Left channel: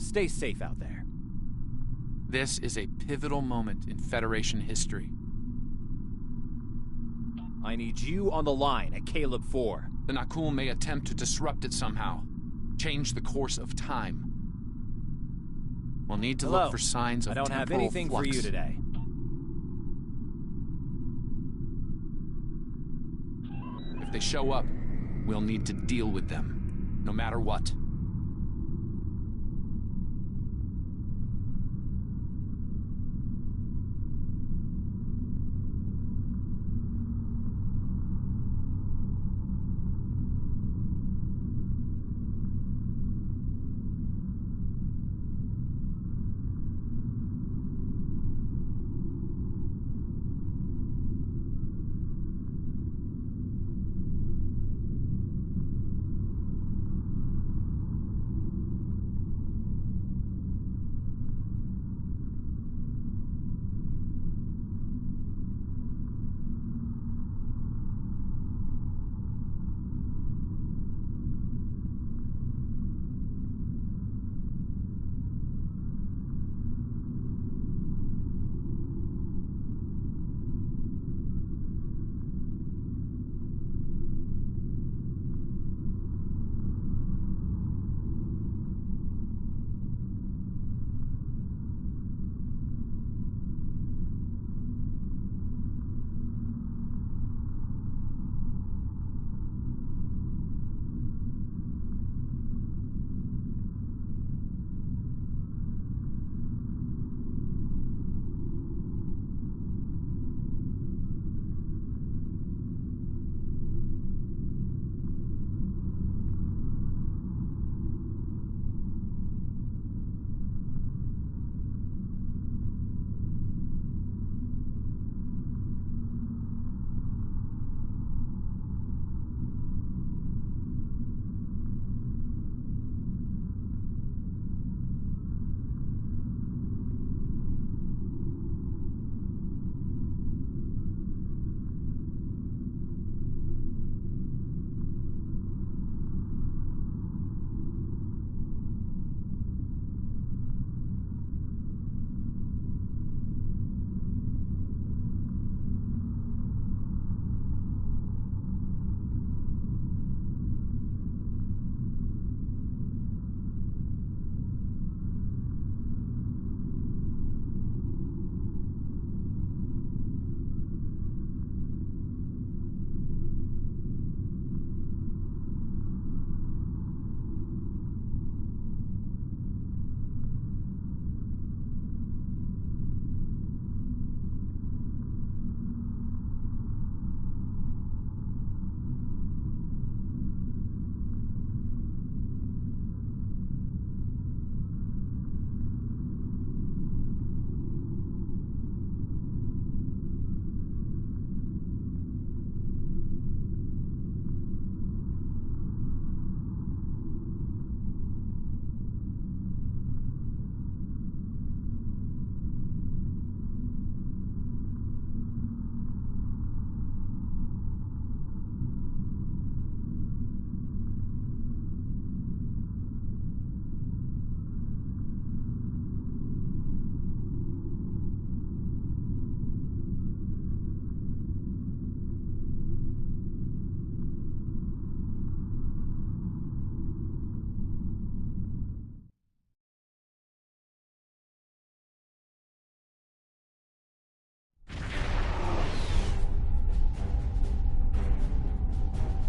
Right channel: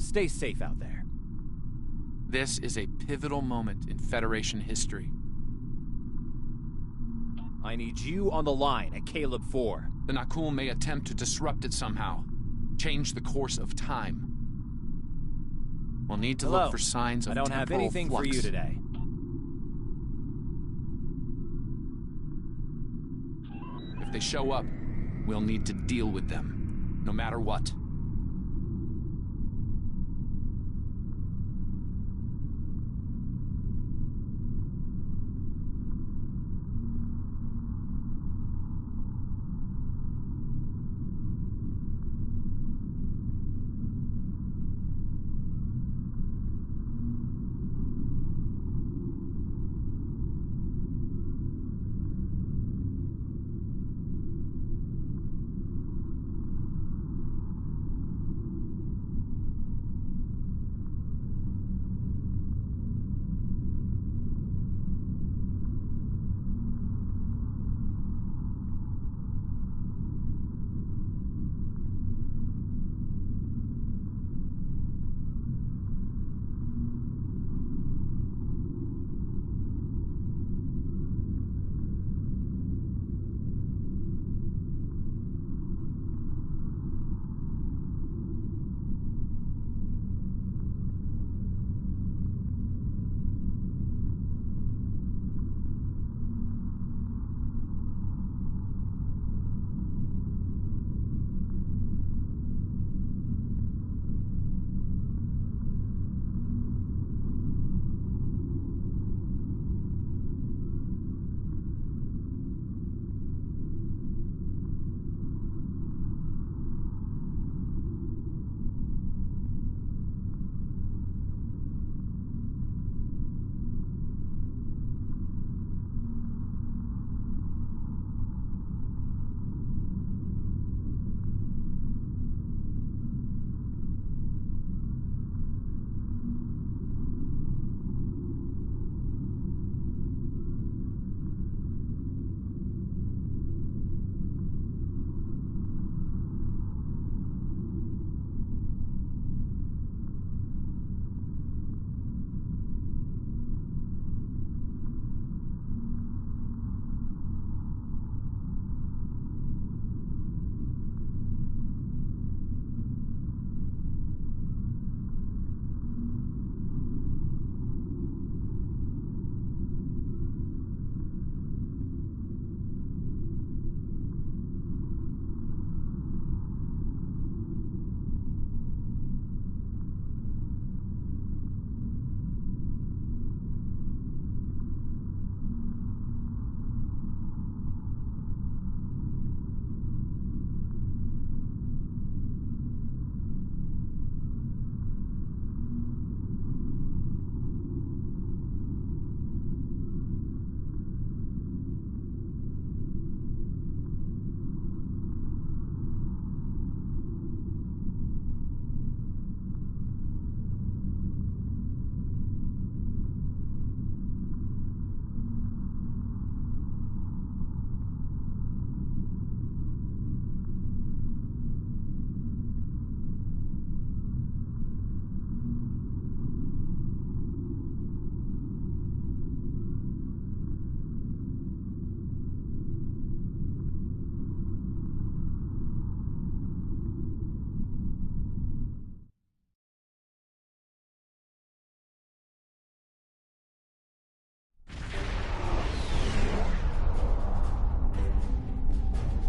Stay safe out there. This is a pivotal moment in Federation history. I need you on the line at Caleb 4. The Nakul may attempt to disrupt it somehow. Change the course of time. We'll need to look for signs of temporal flux. I don't have anything for you today. If they show up, we'll need to deal with them, no matter what.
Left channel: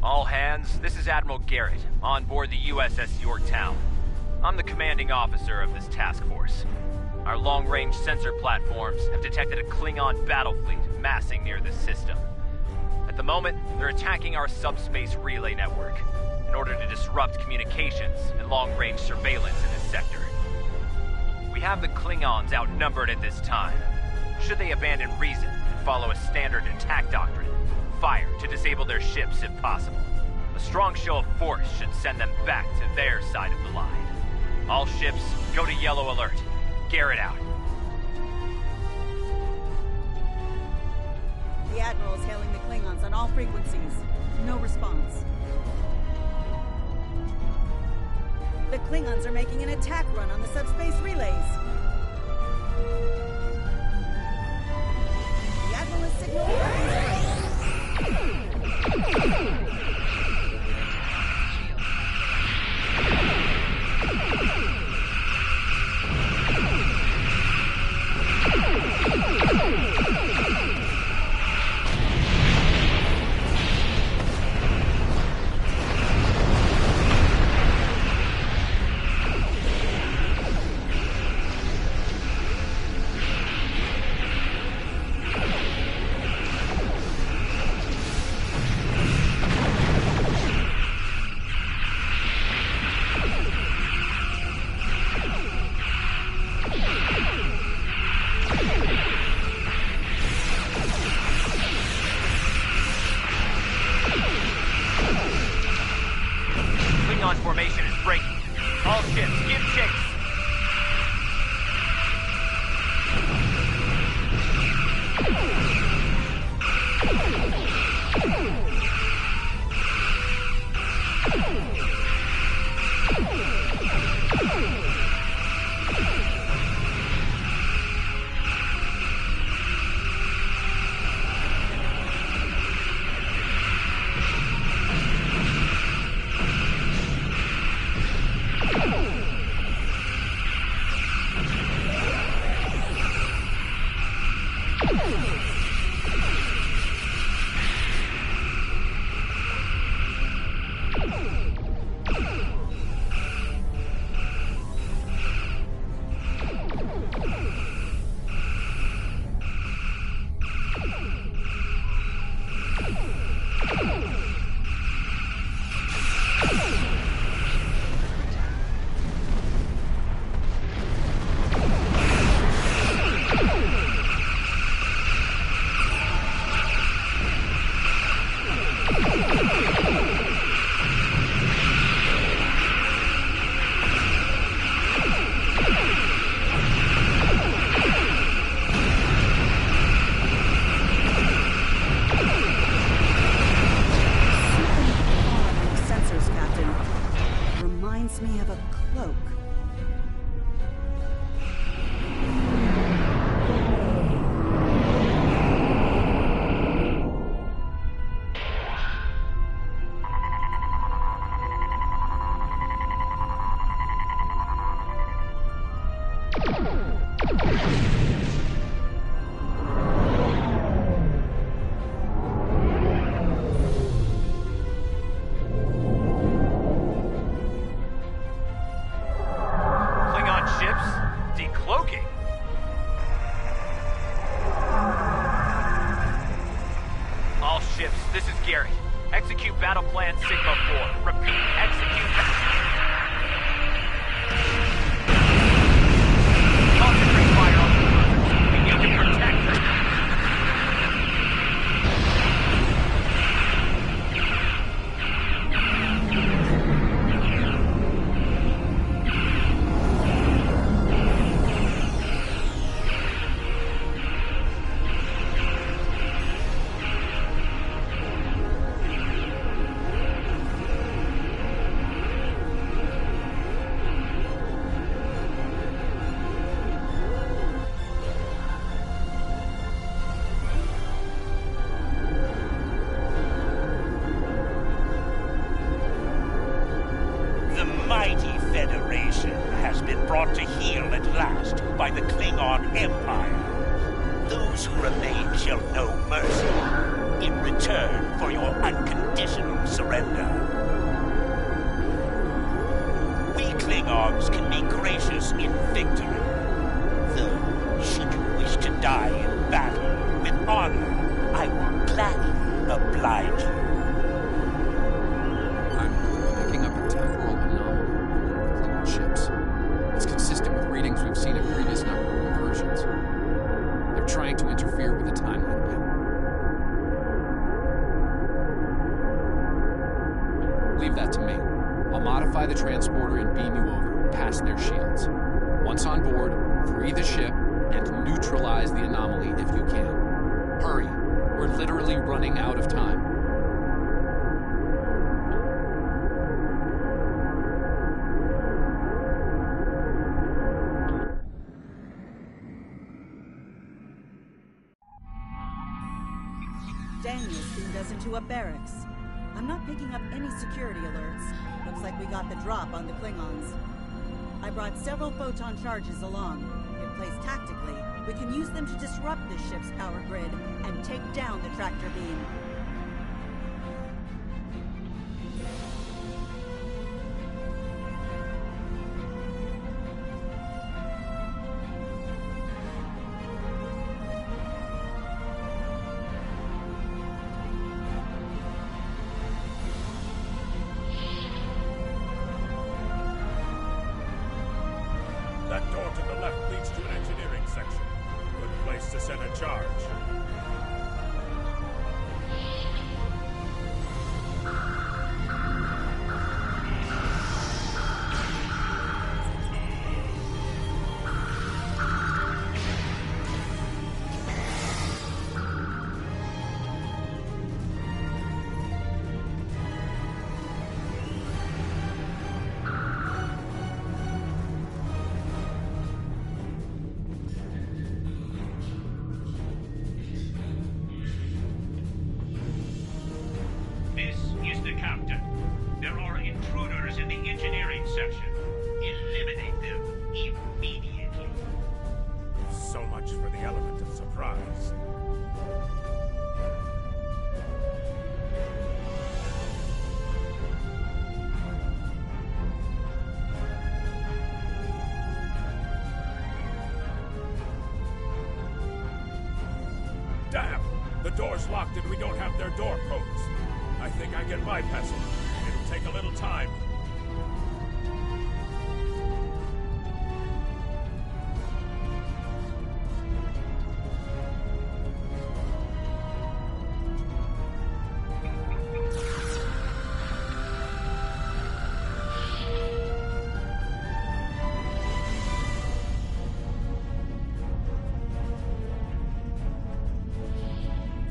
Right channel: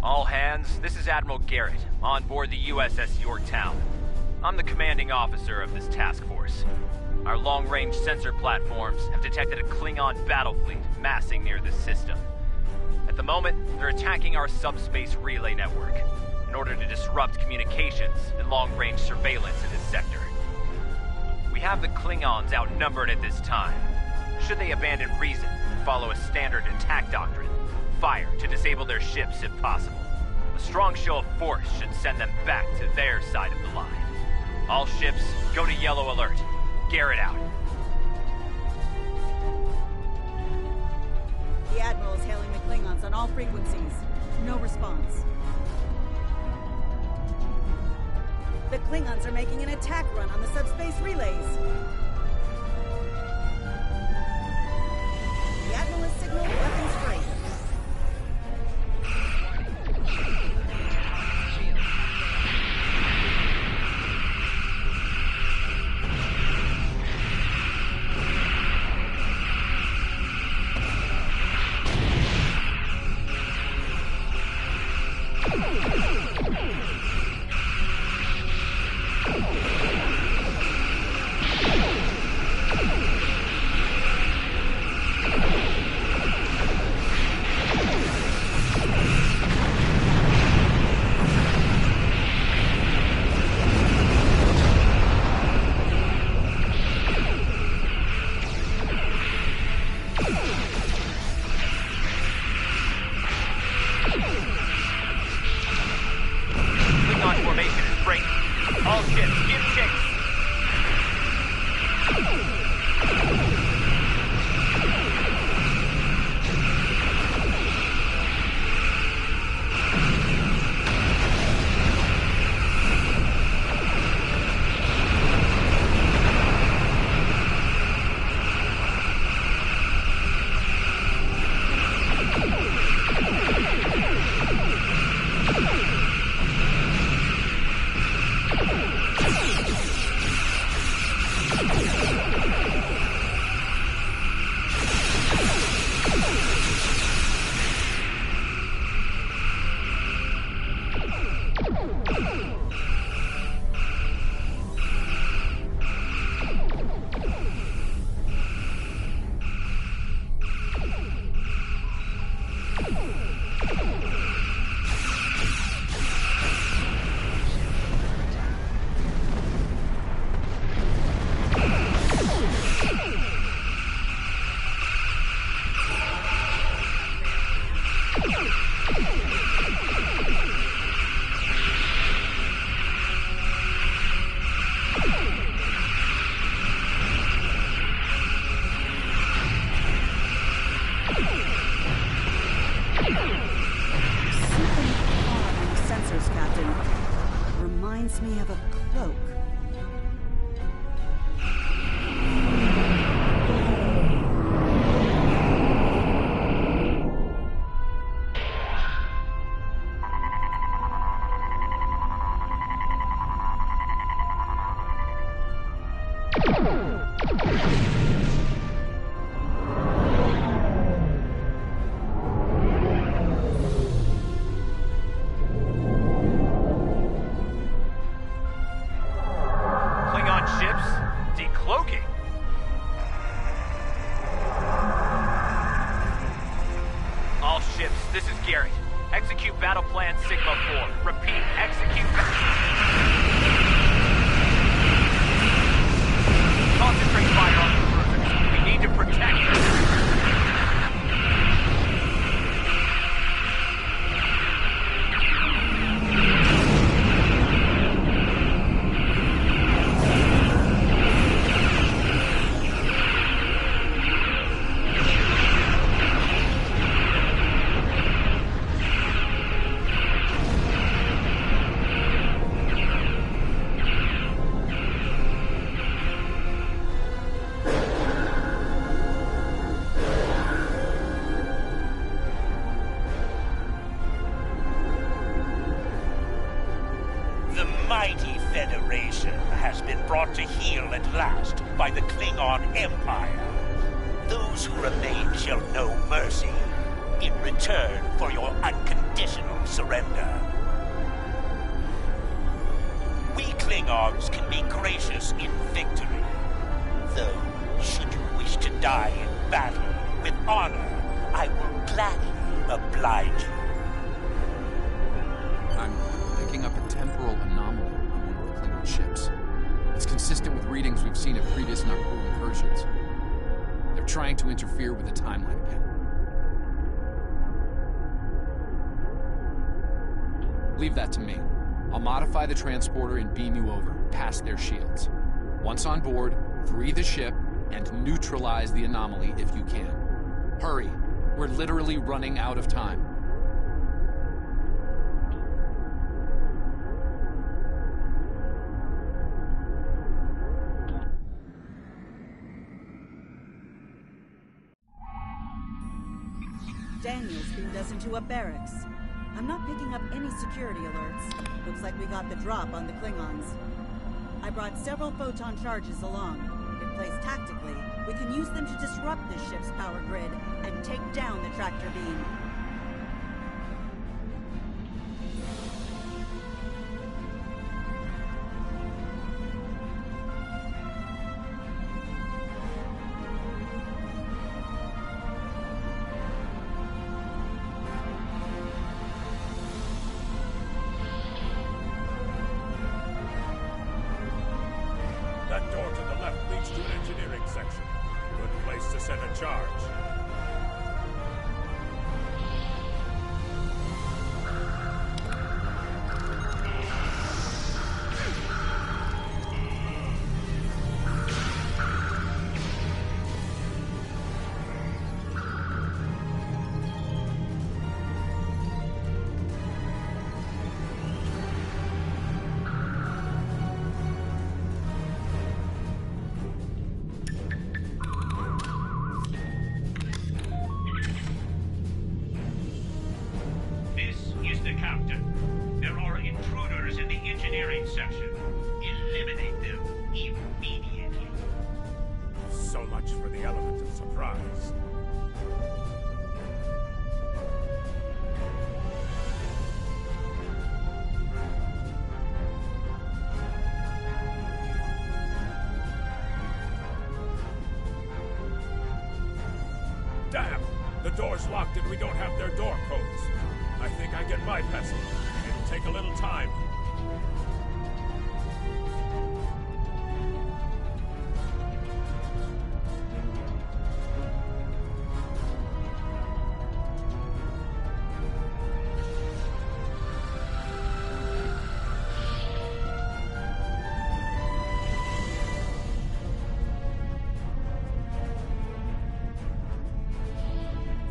All hands, this is Admiral Garrett, on board the USS Yorktown. I'm the commanding officer of this task force. Our long-range sensor platforms have detected a Klingon battle fleet massing near this system. At the moment, they're attacking our subspace relay network in order to disrupt communications and long-range surveillance in this sector. We have the Klingons outnumbered at this time. Should they abandon reason and follow a standard attack doctrine, fire to disable their ships if possible. A strong show of force should send them back to their side of the line. All ships, go to yellow alert. Garrett out. The Admiral is hailing the Klingons on all frequencies. No response. The Klingons are making an attack run on the subspace relays. The Admiral has signaled weapons free. Formation is breaking. All ships, give chase. Reminds me of a cloak. Ships decloaking. All ships, this is Garrett. Execute battle plan Sigma 4. Repeat, execute. Concentrate fire on the cruisers. We need to protect them. The mighty Federation has been brought to heel at last by the Klingon Empire. Those who remain shall know mercy in return for your unconditional surrender. We Klingons can be gracious in victory, though should you wish to die in battle with honor, I will gladly oblige you. I'm picking up a temporal anomaly on one of the Klingon ships. It's consistent with readings we've seen at previous number of incursions. They're trying to interfere with the timeline again. Leave that to me. I'll modify the transporter and beam you over, past their shields. Once on board, free the ship and neutralize the anomaly if you can. Hurry. We're literally running out of time. us into a barracks. I'm not picking up any security alerts. Looks like we got the drop on the Klingons. I brought several photon charges along. If placed tactically, we can use them to disrupt this ship's power grid and take down the tractor beam. That door to the left leads to an engineering section. Good place to set a charge. Captain. There are intruders in the engineering section. Eliminate them immediately. So much for the element of surprise. Damn! The door's locked and we don't have their door codes. I think I can bypass it. It'll take a little time.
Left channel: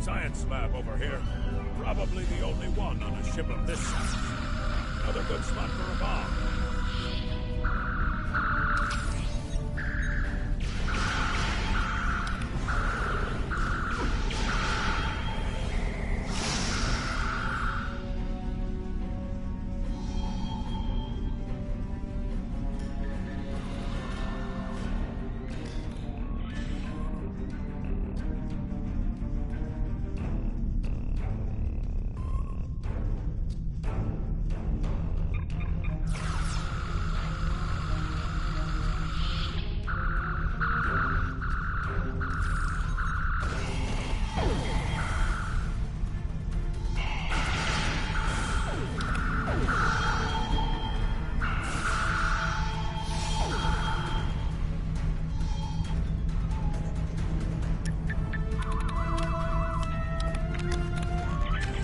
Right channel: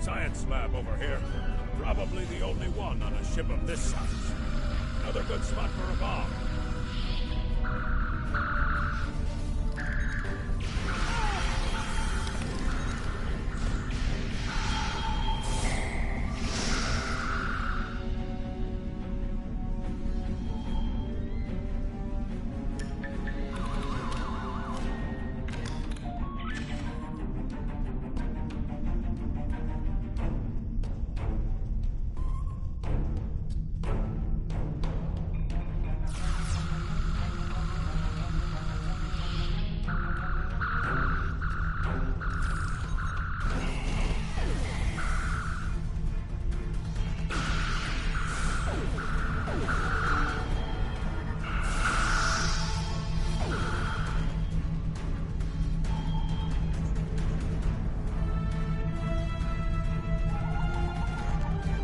Science lab over here. Probably the only one on a ship of this size. Another good spot for a bomb.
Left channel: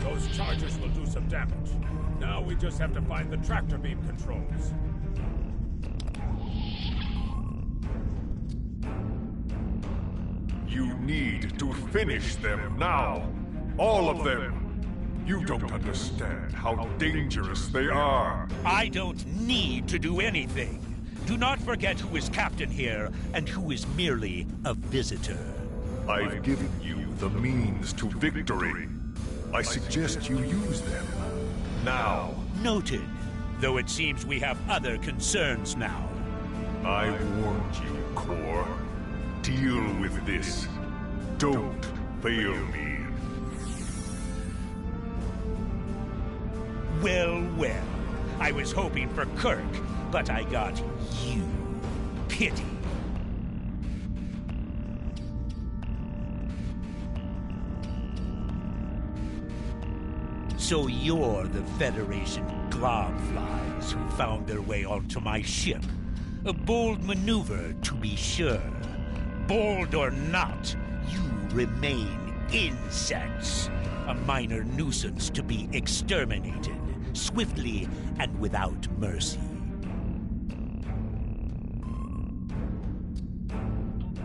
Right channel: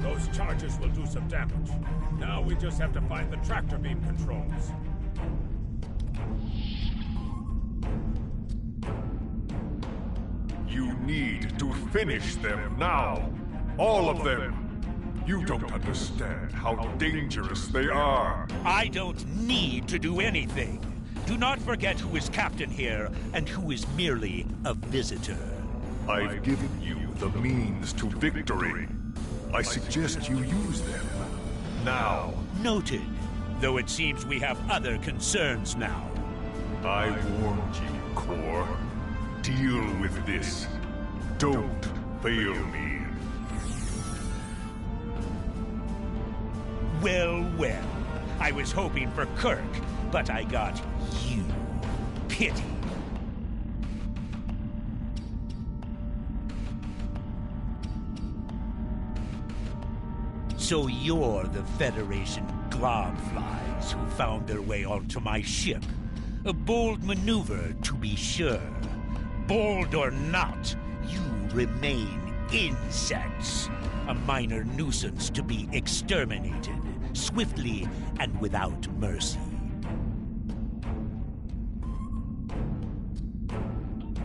Those charges will do some damage. Now we just have to find the tractor beam controls. You need to finish them now. All of them. You don't understand how dangerous they are. I don't need to do anything. Do not forget who is captain here and who is merely a visitor. I've given you the means to victory. I suggest you use them. Now. Noted. Though it seems we have other concerns now. I warned you, Core. Deal with this. Don't fail me. Well, well. I was hoping for Kirk, but I got you. Pity. So you're the Federation globflies who found their way onto my ship. A bold maneuver, to be sure. Bold or not, you remain insects. A minor nuisance to be exterminated, swiftly and without mercy.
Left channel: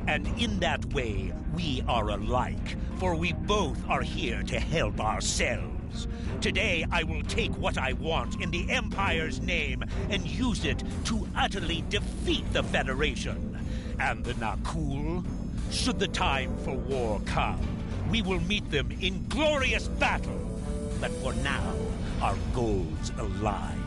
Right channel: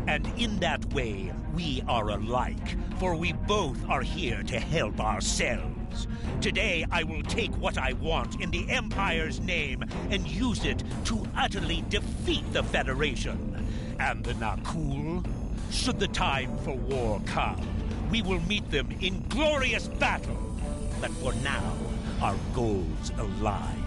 And in that way, we are alike, for we both are here to help ourselves. Today, I will take what I want in the Empire's name and use it to utterly defeat the Federation. And the Nakul, should the time for war come, we will meet them in glorious battle But for now, our goals align.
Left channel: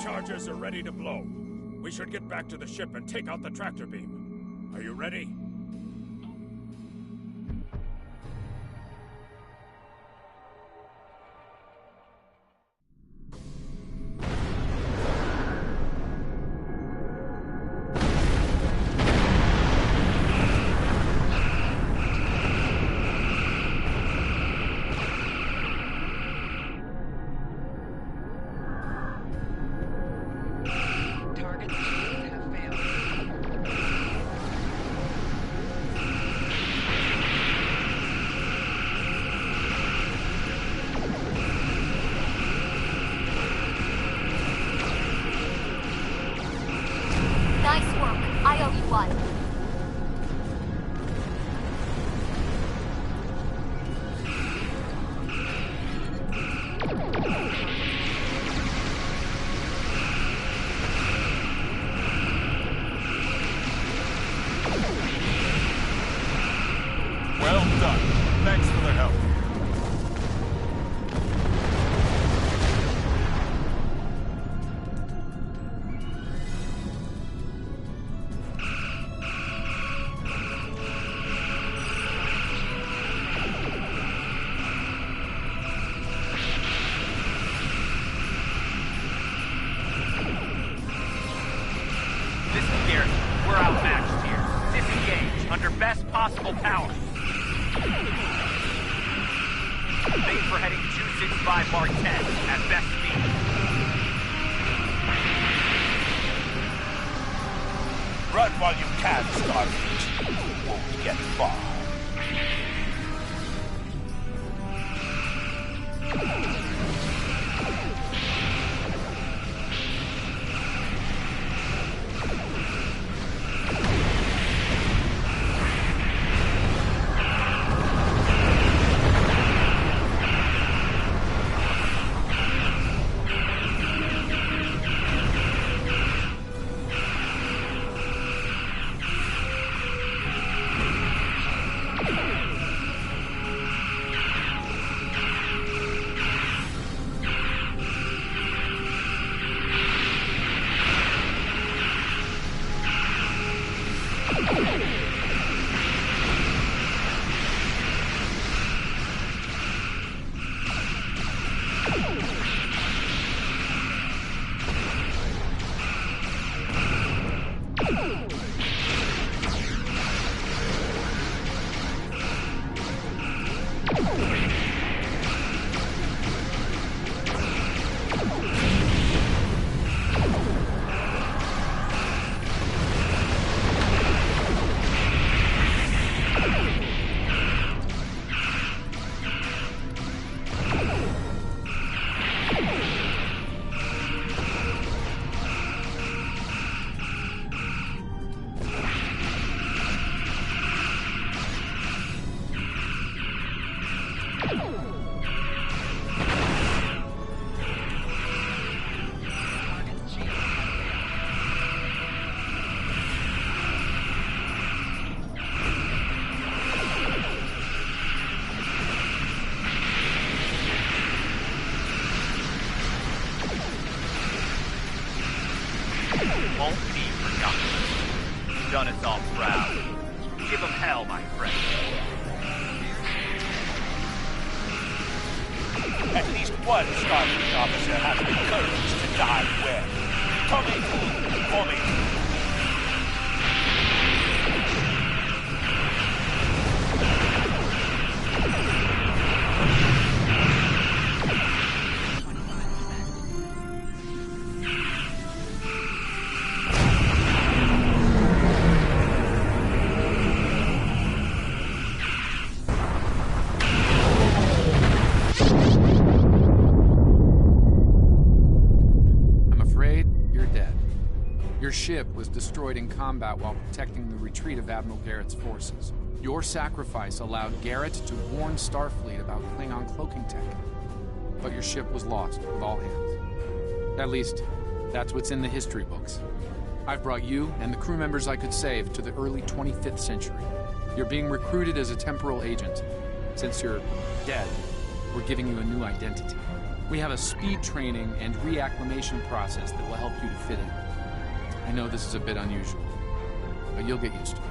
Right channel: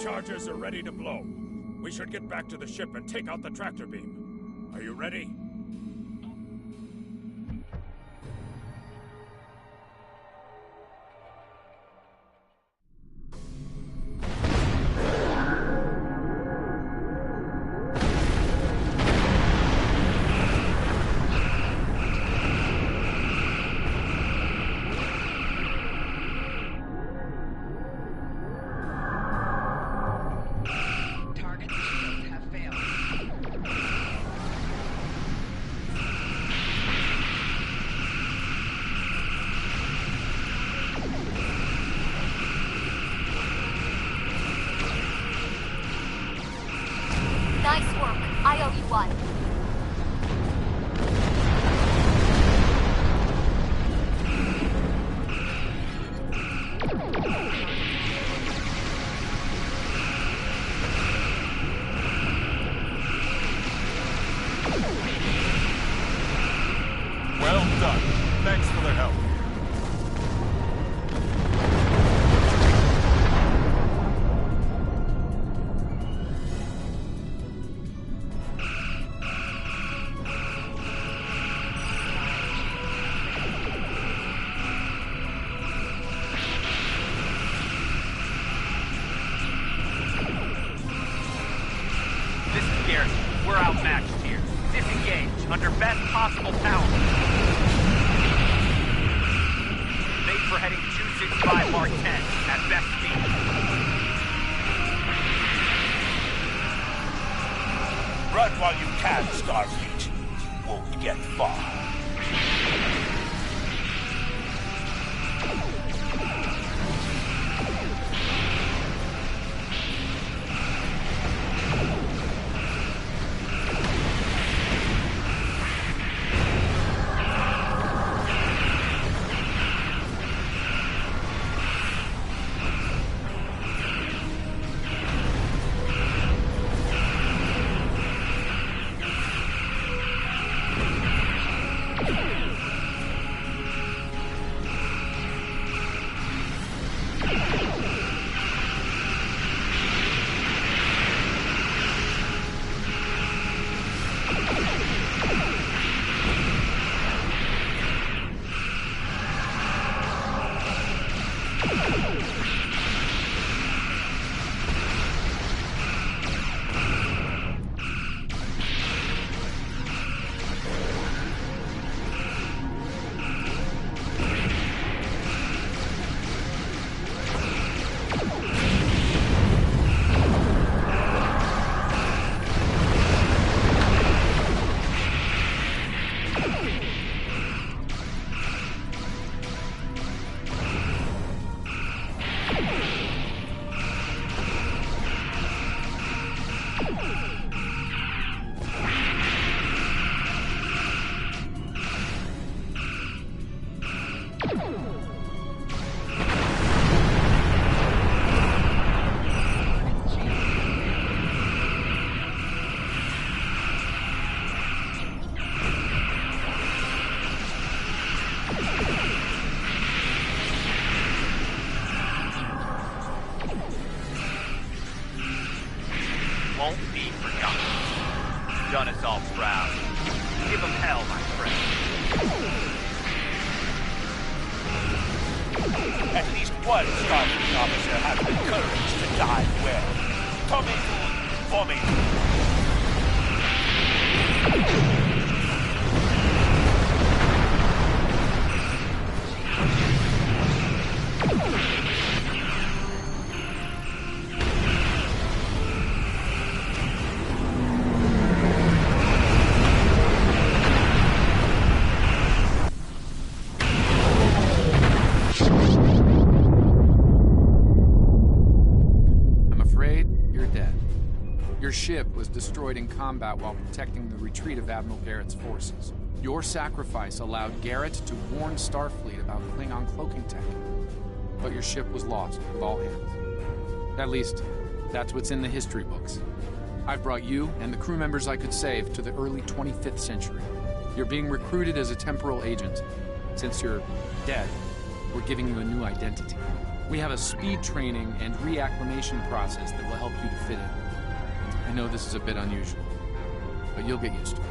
Charges are ready to blow. We should get back to the ship and take out the tractor beam. Are you ready? Nice work. I owe you one. Well done. Thanks for the help. This is Garrett. We're outmatched here. Disengage, under best possible power. Made for heading 265 Mark 10 at best speed. Run while you can, Starfleet. You won't get far. Won't be forgotten. Done us all proud. Give them hell, my friend. At least one Starfleet officer has the courage to die well. Tommy Food, for me. Your ship was destroyed in combat while protecting the retreat of Admiral Garrett's forces. Your sacrifice allowed Garrett to warn Starfleet about Klingon cloaking tech. But your ship was lost with all hands. At least, that's what's in the history books. I've brought you and the crew members I could save to the early 25th century. You're being recruited as a temporal agent. Since you're dead, we're giving you a new identity. We have a speed training and reacclimation process that will help you to fit in. I know this is a bit unusual, but you'll get used to it.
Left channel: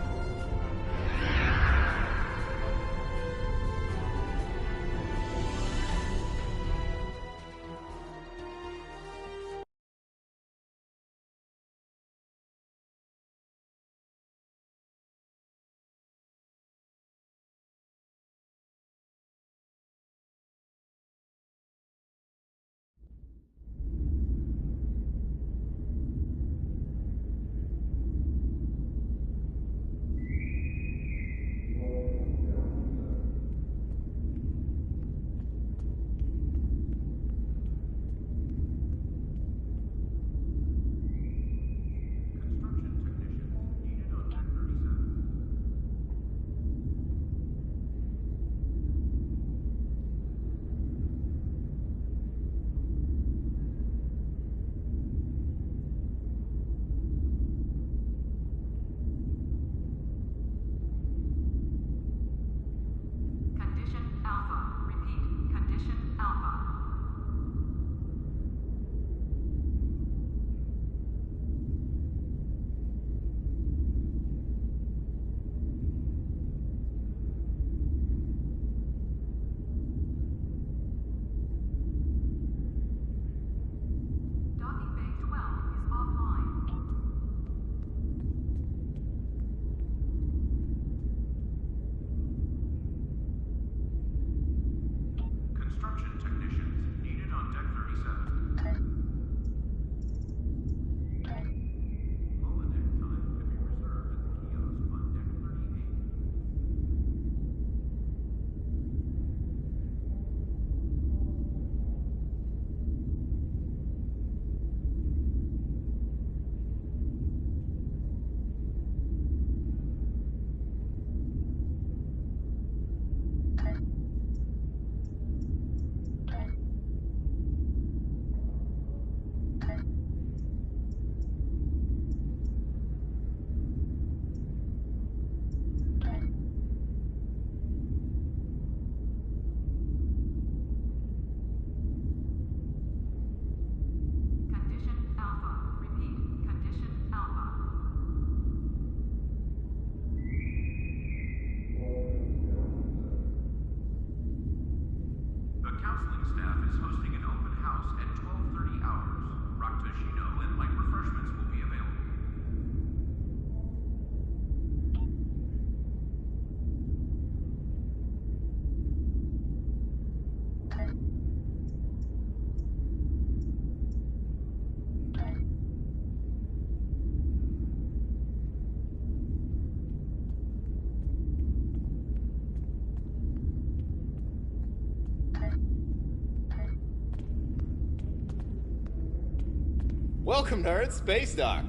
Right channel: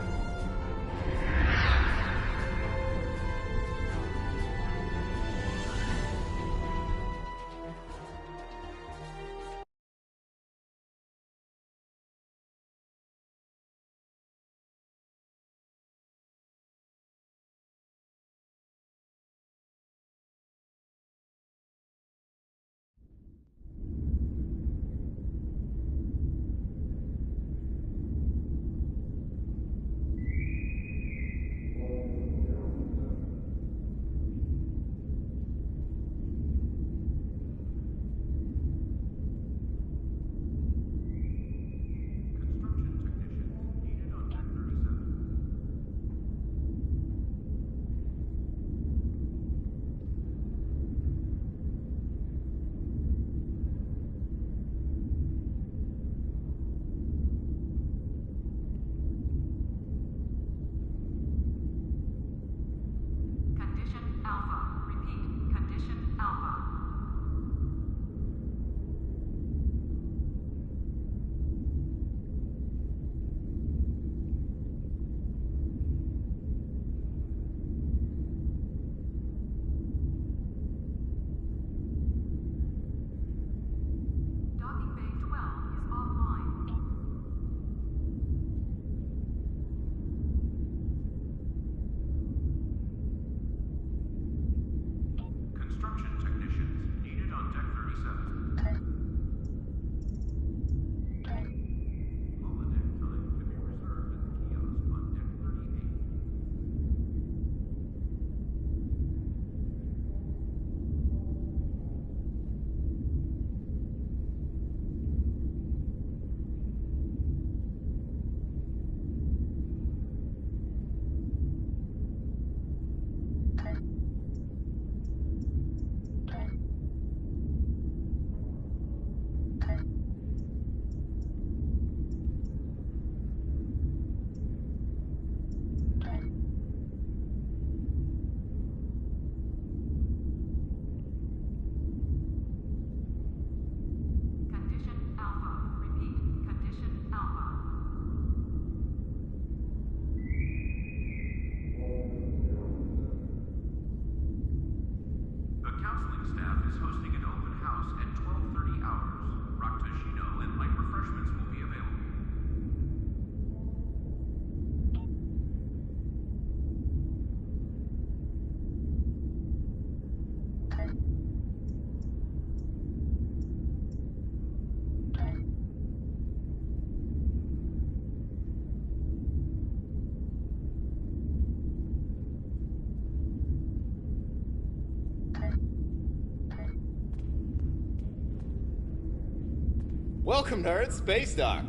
Welcome, nerds. Space Dock.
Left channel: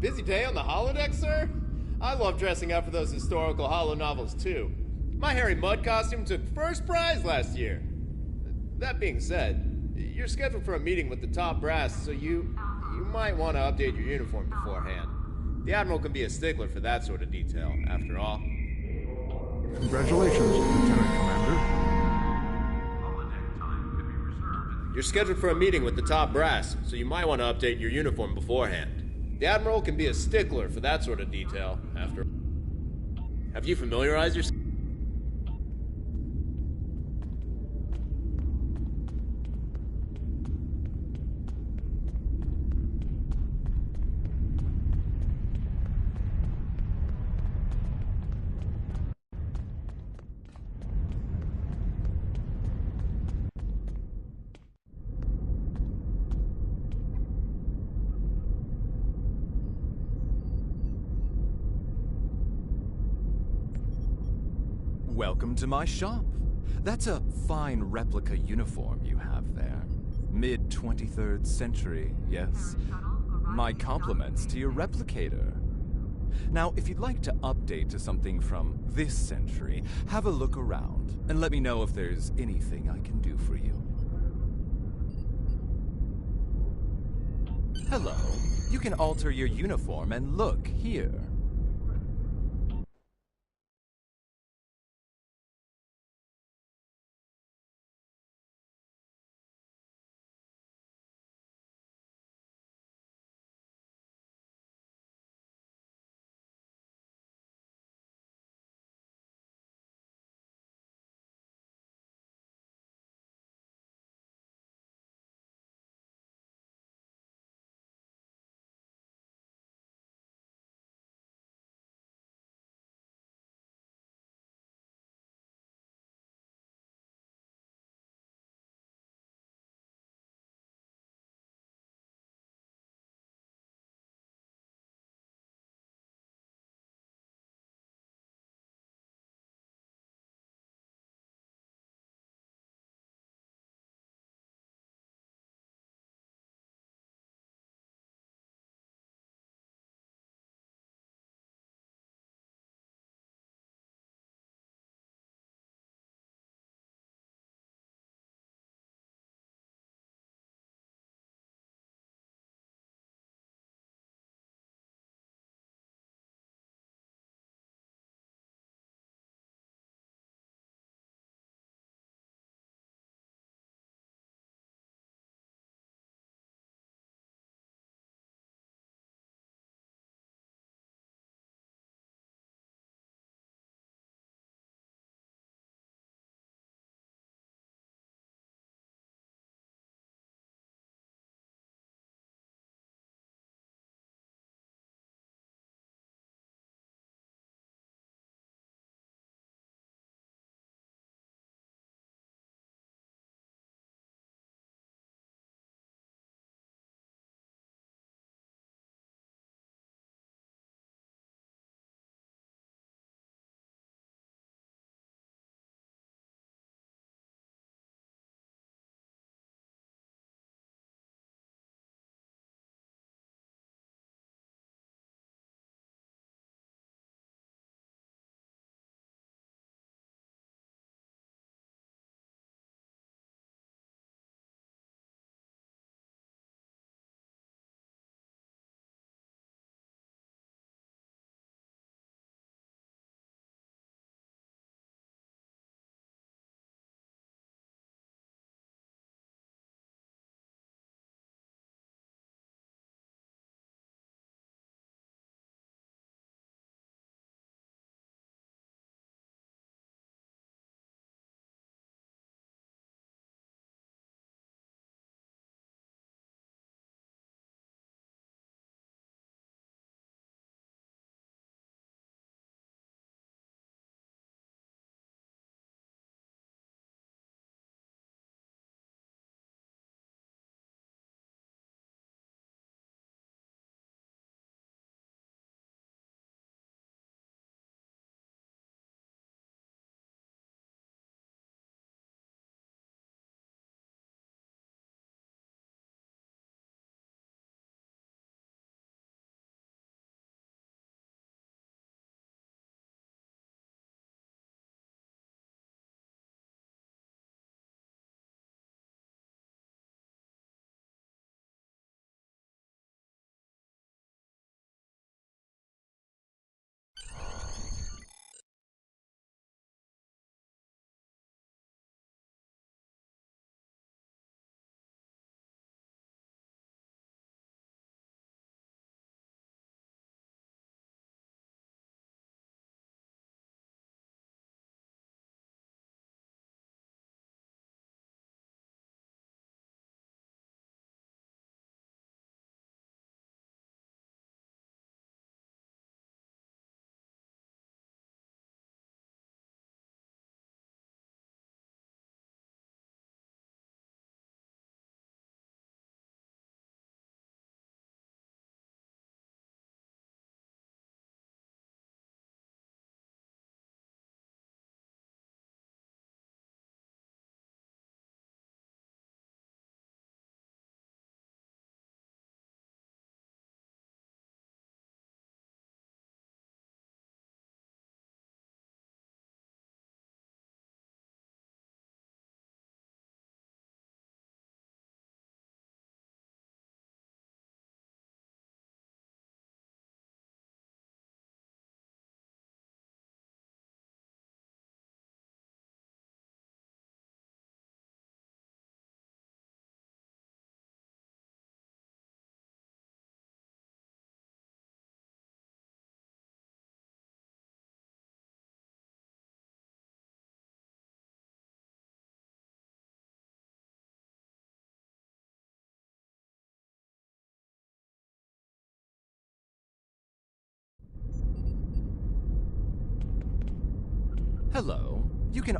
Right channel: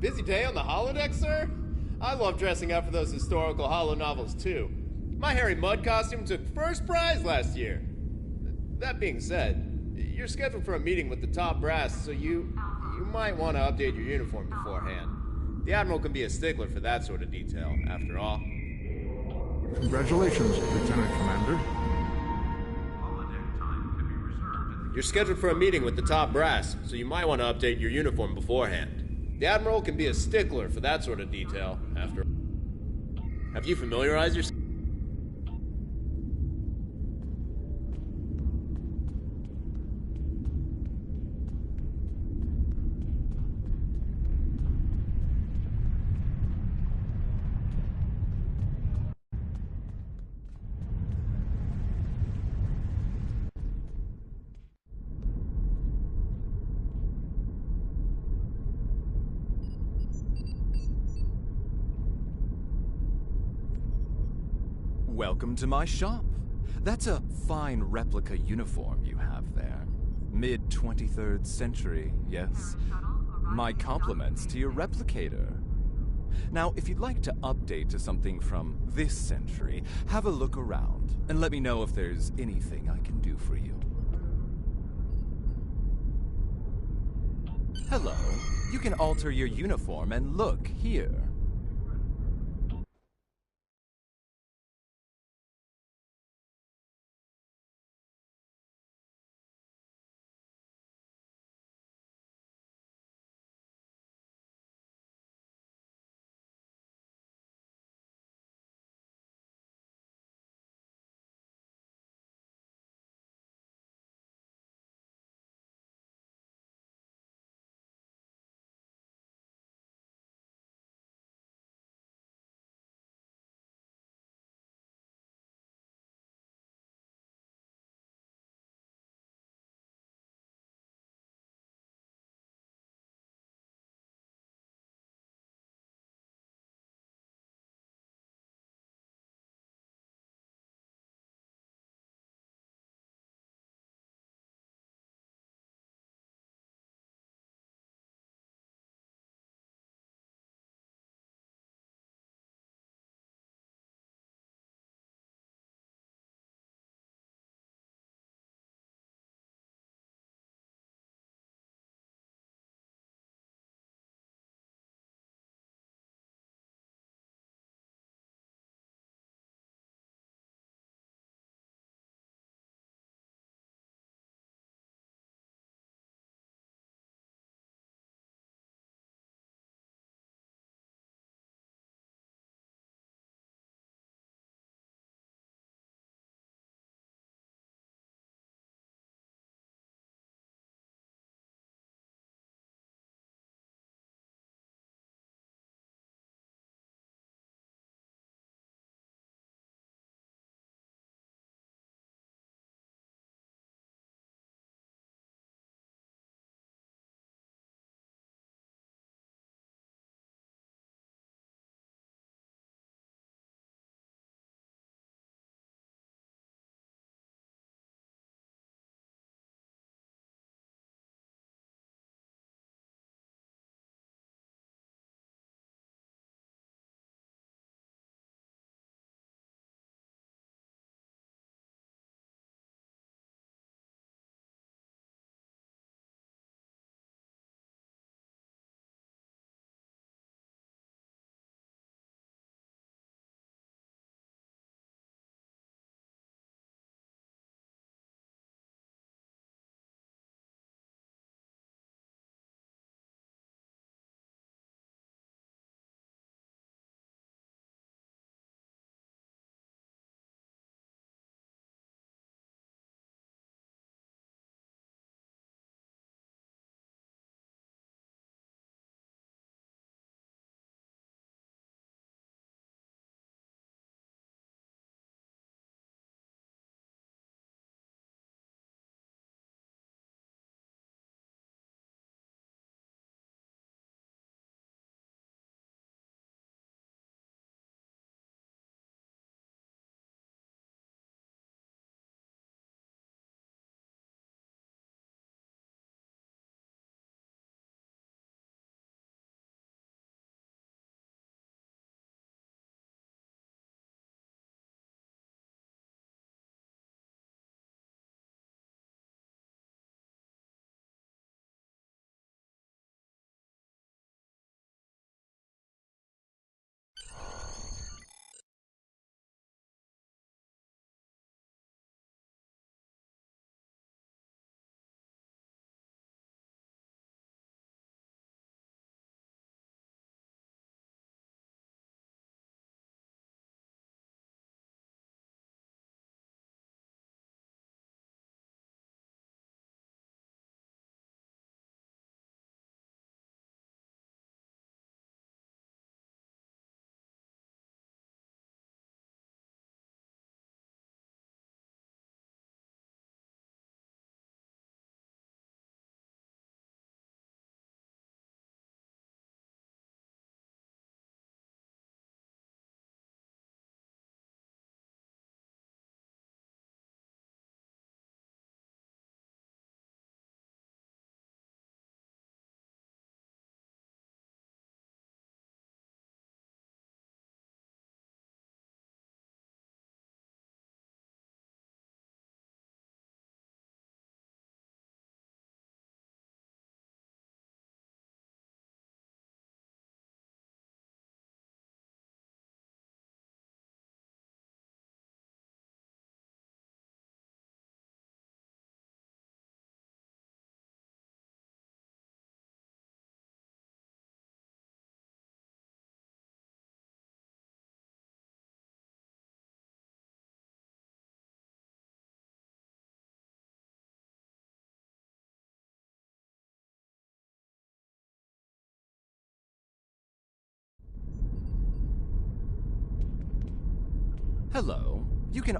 Busy day on the holodeck, sir? I love dressing up for those historical holo novels, too. My Harry Mudd costume took first prize last year. That being said, you're scheduled for a meeting with the top brass, so you might want to update your uniform beforehand. The Admiral can be a stickler for that sort of detail, after all. Congratulations, Lieutenant Commander. You're scheduled for a meeting with the top brass, so you might want to update your uniform beforehand. The Admiral can be a stickler for that sort of detail, after all. Have you familiarized yourself? Welcome to my shop. That's a fine replica uniform you have there. Mid-23rd century, yes? My compliments to your replicator. Now, if you'd like to update to something from this century, have a look around and let me know if there's anything I can do for you. Hello. You can alter your uniform and look here. Hello. You can...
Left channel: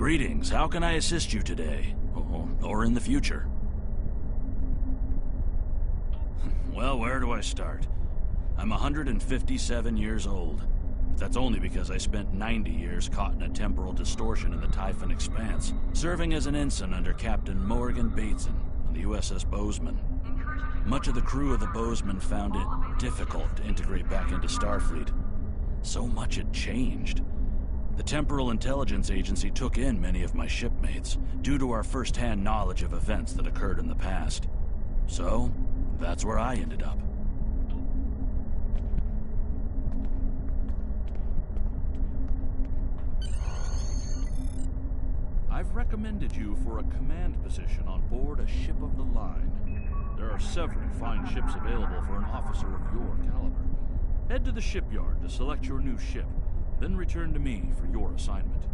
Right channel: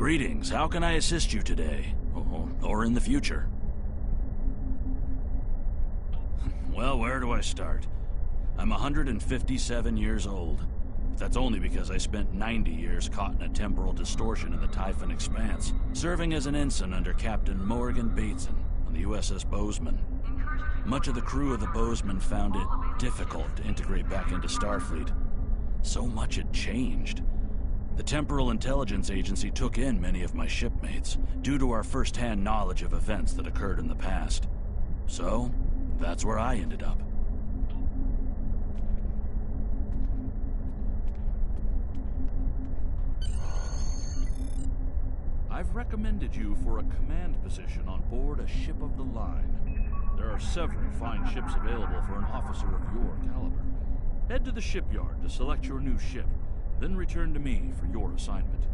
Greetings, how can I assist you today? Or in the future? Well, where do I start? I'm 157 years old. That's only because I spent 90 years caught in a temporal distortion in the Typhon Expanse, serving as an ensign under Captain Morgan Bateson on the USS Bozeman. Much of the crew of the Bozeman found it difficult to integrate back into Starfleet. So much had changed. The Temporal Intelligence Agency took in many of my shipmates, due to our first-hand knowledge of events that occurred in the past. So, that's where I ended up. I've recommended you for a command position on board a ship of the line. There are several fine ships available for an officer of your caliber. Head to the shipyard to select your new ship, then return to me for your assignment.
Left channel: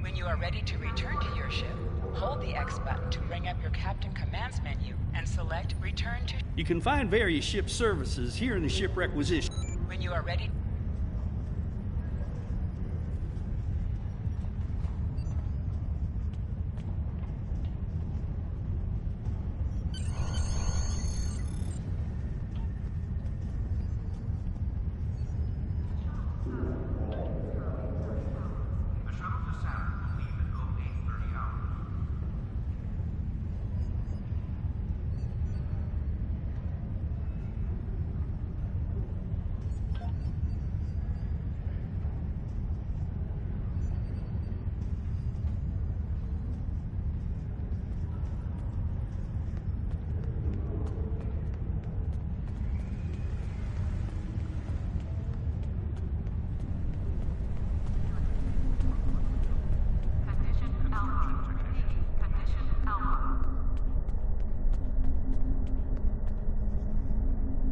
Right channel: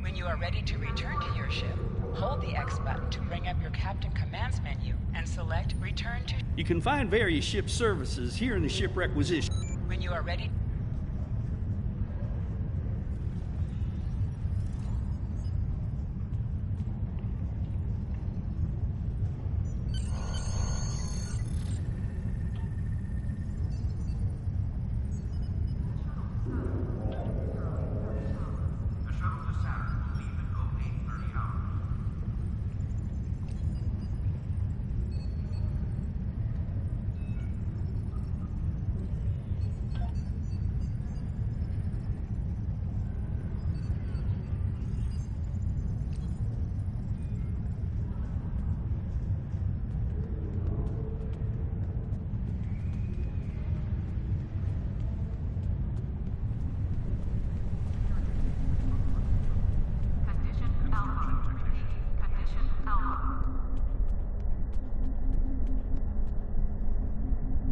When you are ready to return to your ship, hold the X button to bring up your Captain Commands menu and select Return to... You can find various ship services here in the ship requisition. When you are ready...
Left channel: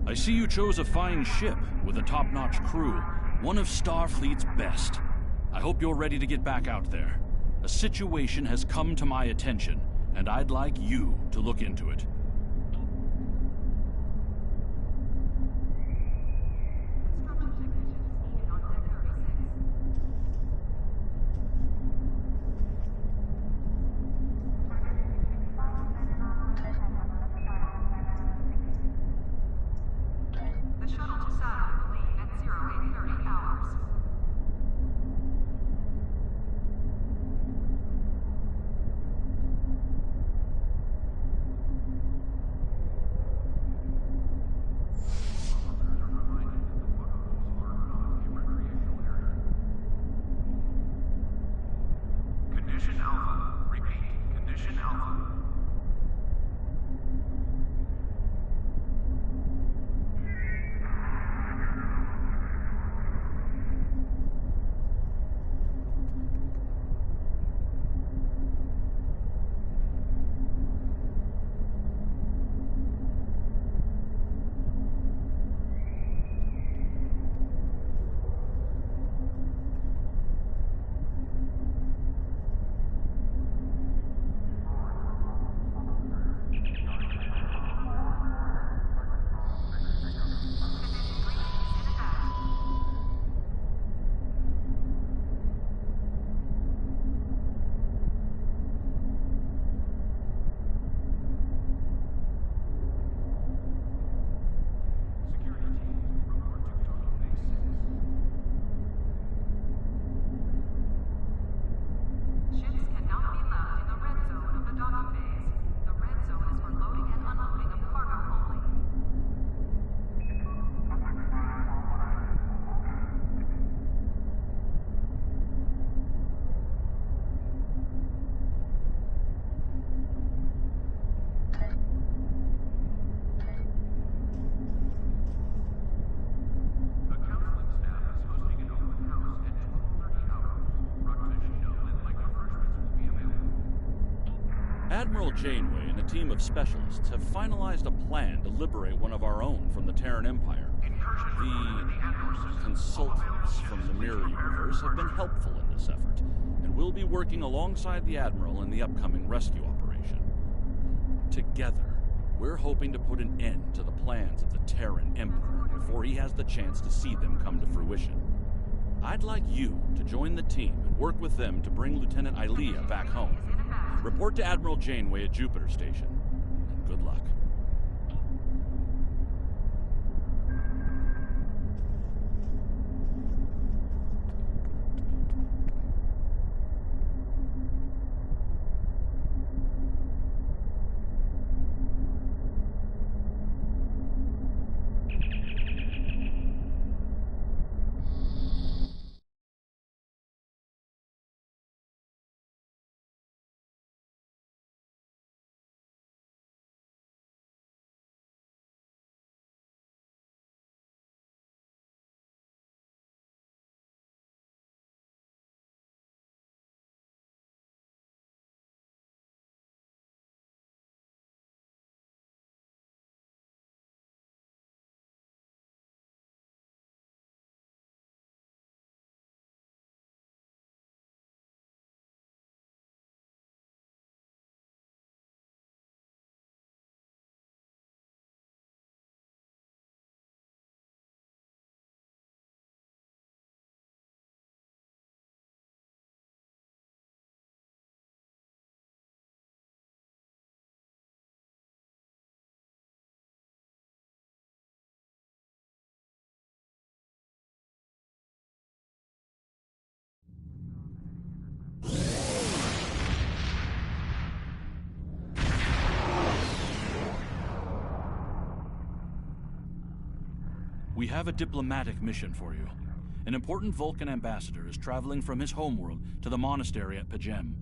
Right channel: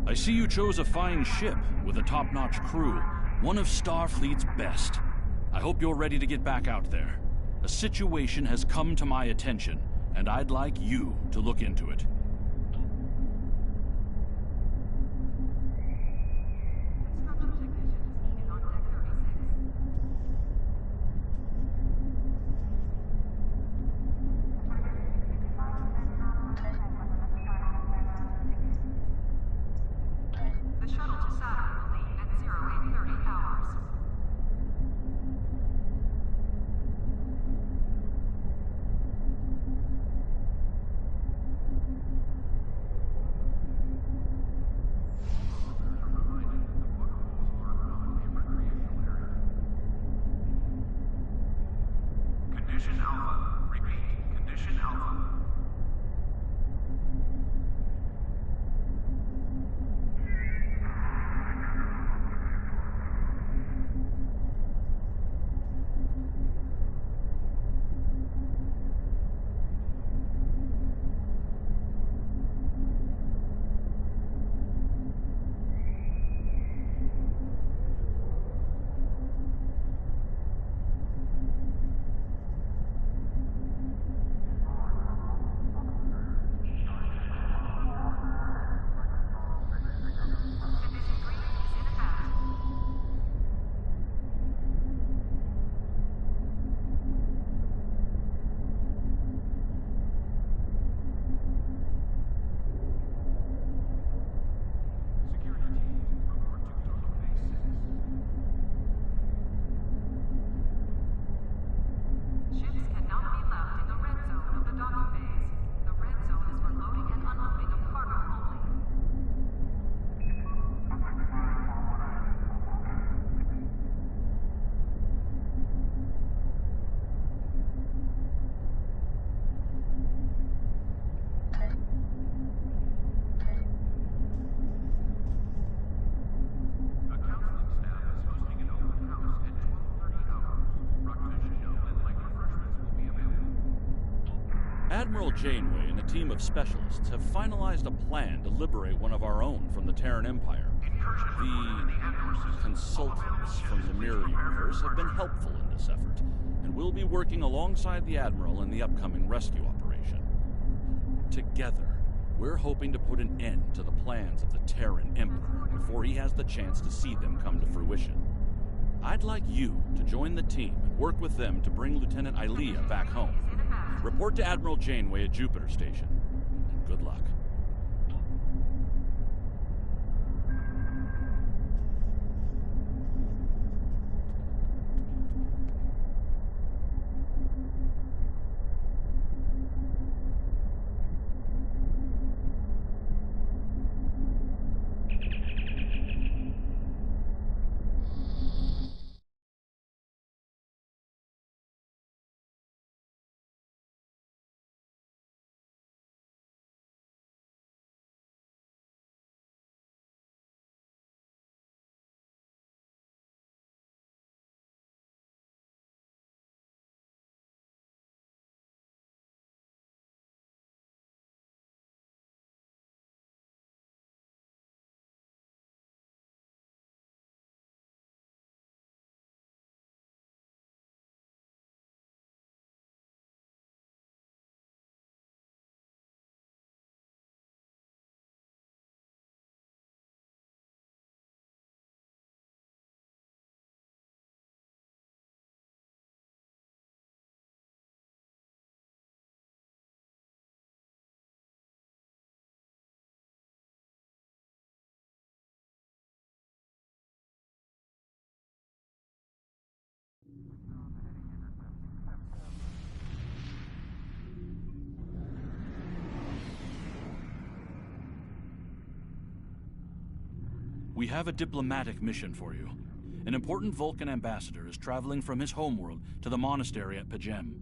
I see you chose a fine ship with a top-notch crew, one of Starfleet's best. I hope you're ready to get back out there. A situation has come to my attention, and I'd like you to look into it. Condition Alpha. Repeat, Condition Alpha. Admiral Janeway and a team of specialists have finalized a plan to liberate one of our own from the Terran Empire. The consultants from the Mirror Universe have been helpful in this effort, and will be working alongside the Admiral in the upcoming rescue operation. Together, we're hoping to put an end to the plans of the Terran Emperor before he has the chance to see them come to fruition. I'd like you to join the team and work with them to bring Lieutenant Ilea back home. Report to Admiral Janeway at Jupiter Station, and good luck. We have a diplomatic mission for you. An important Vulcan ambassador is traveling from his homeworld to the monastery at Pajem.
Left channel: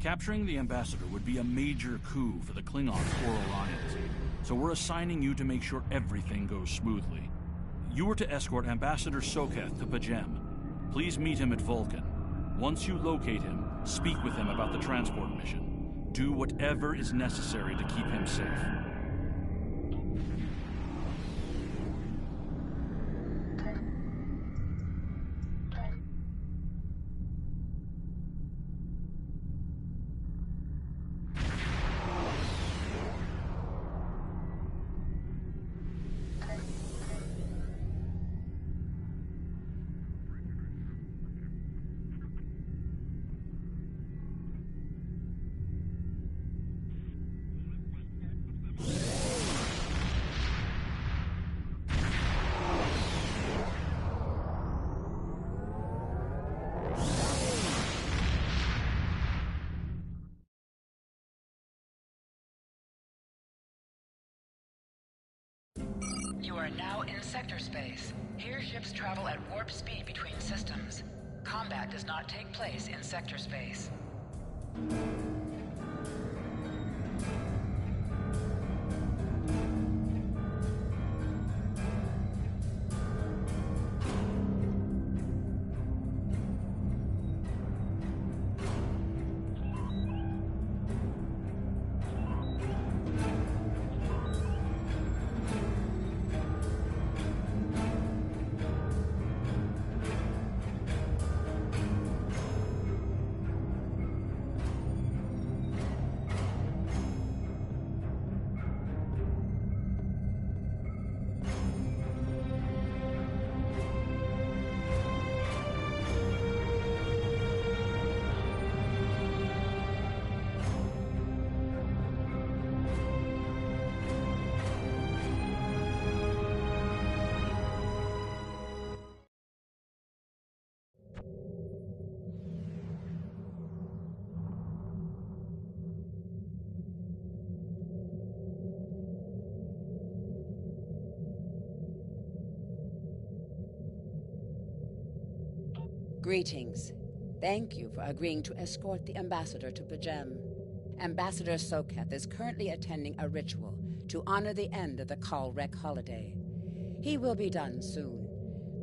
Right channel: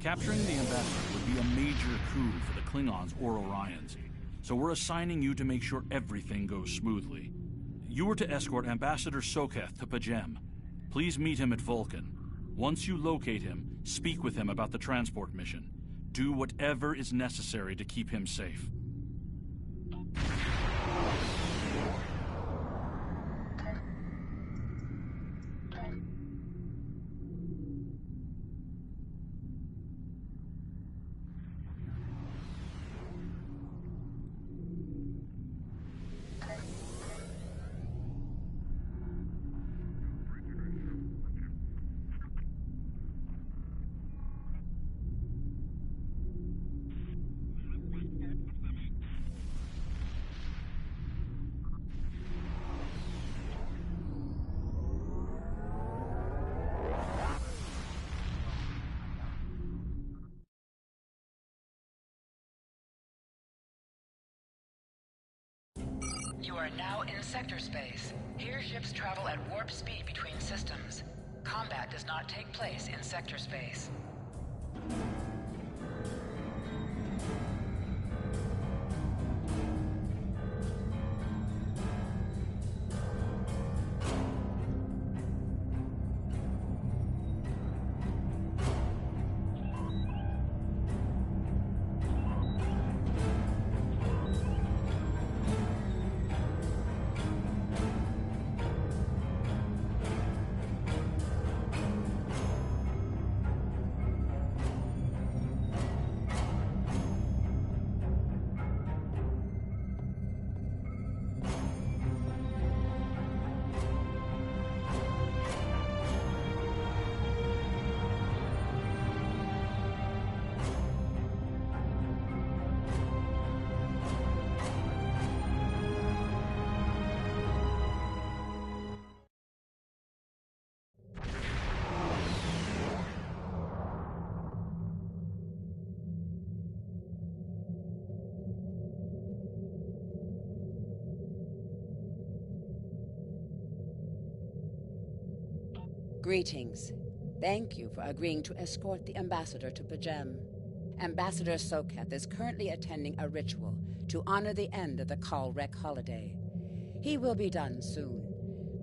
Capturing the ambassador would be a major coup for the Klingons or Orions, so we're assigning you to make sure everything goes smoothly. You are to escort Ambassador Soketh to Pajem. Please meet him at Vulcan. Once you locate him, speak with him about the transport mission. Do whatever is necessary to keep him safe. You are now in sector space. Here ships travel at warp speed between systems. Combat does not take place in sector space. Greetings. Thank you for agreeing to escort the ambassador to Pajem. Ambassador Soketh is currently attending a ritual to honor the end of the Kalrek holiday. He will be done soon,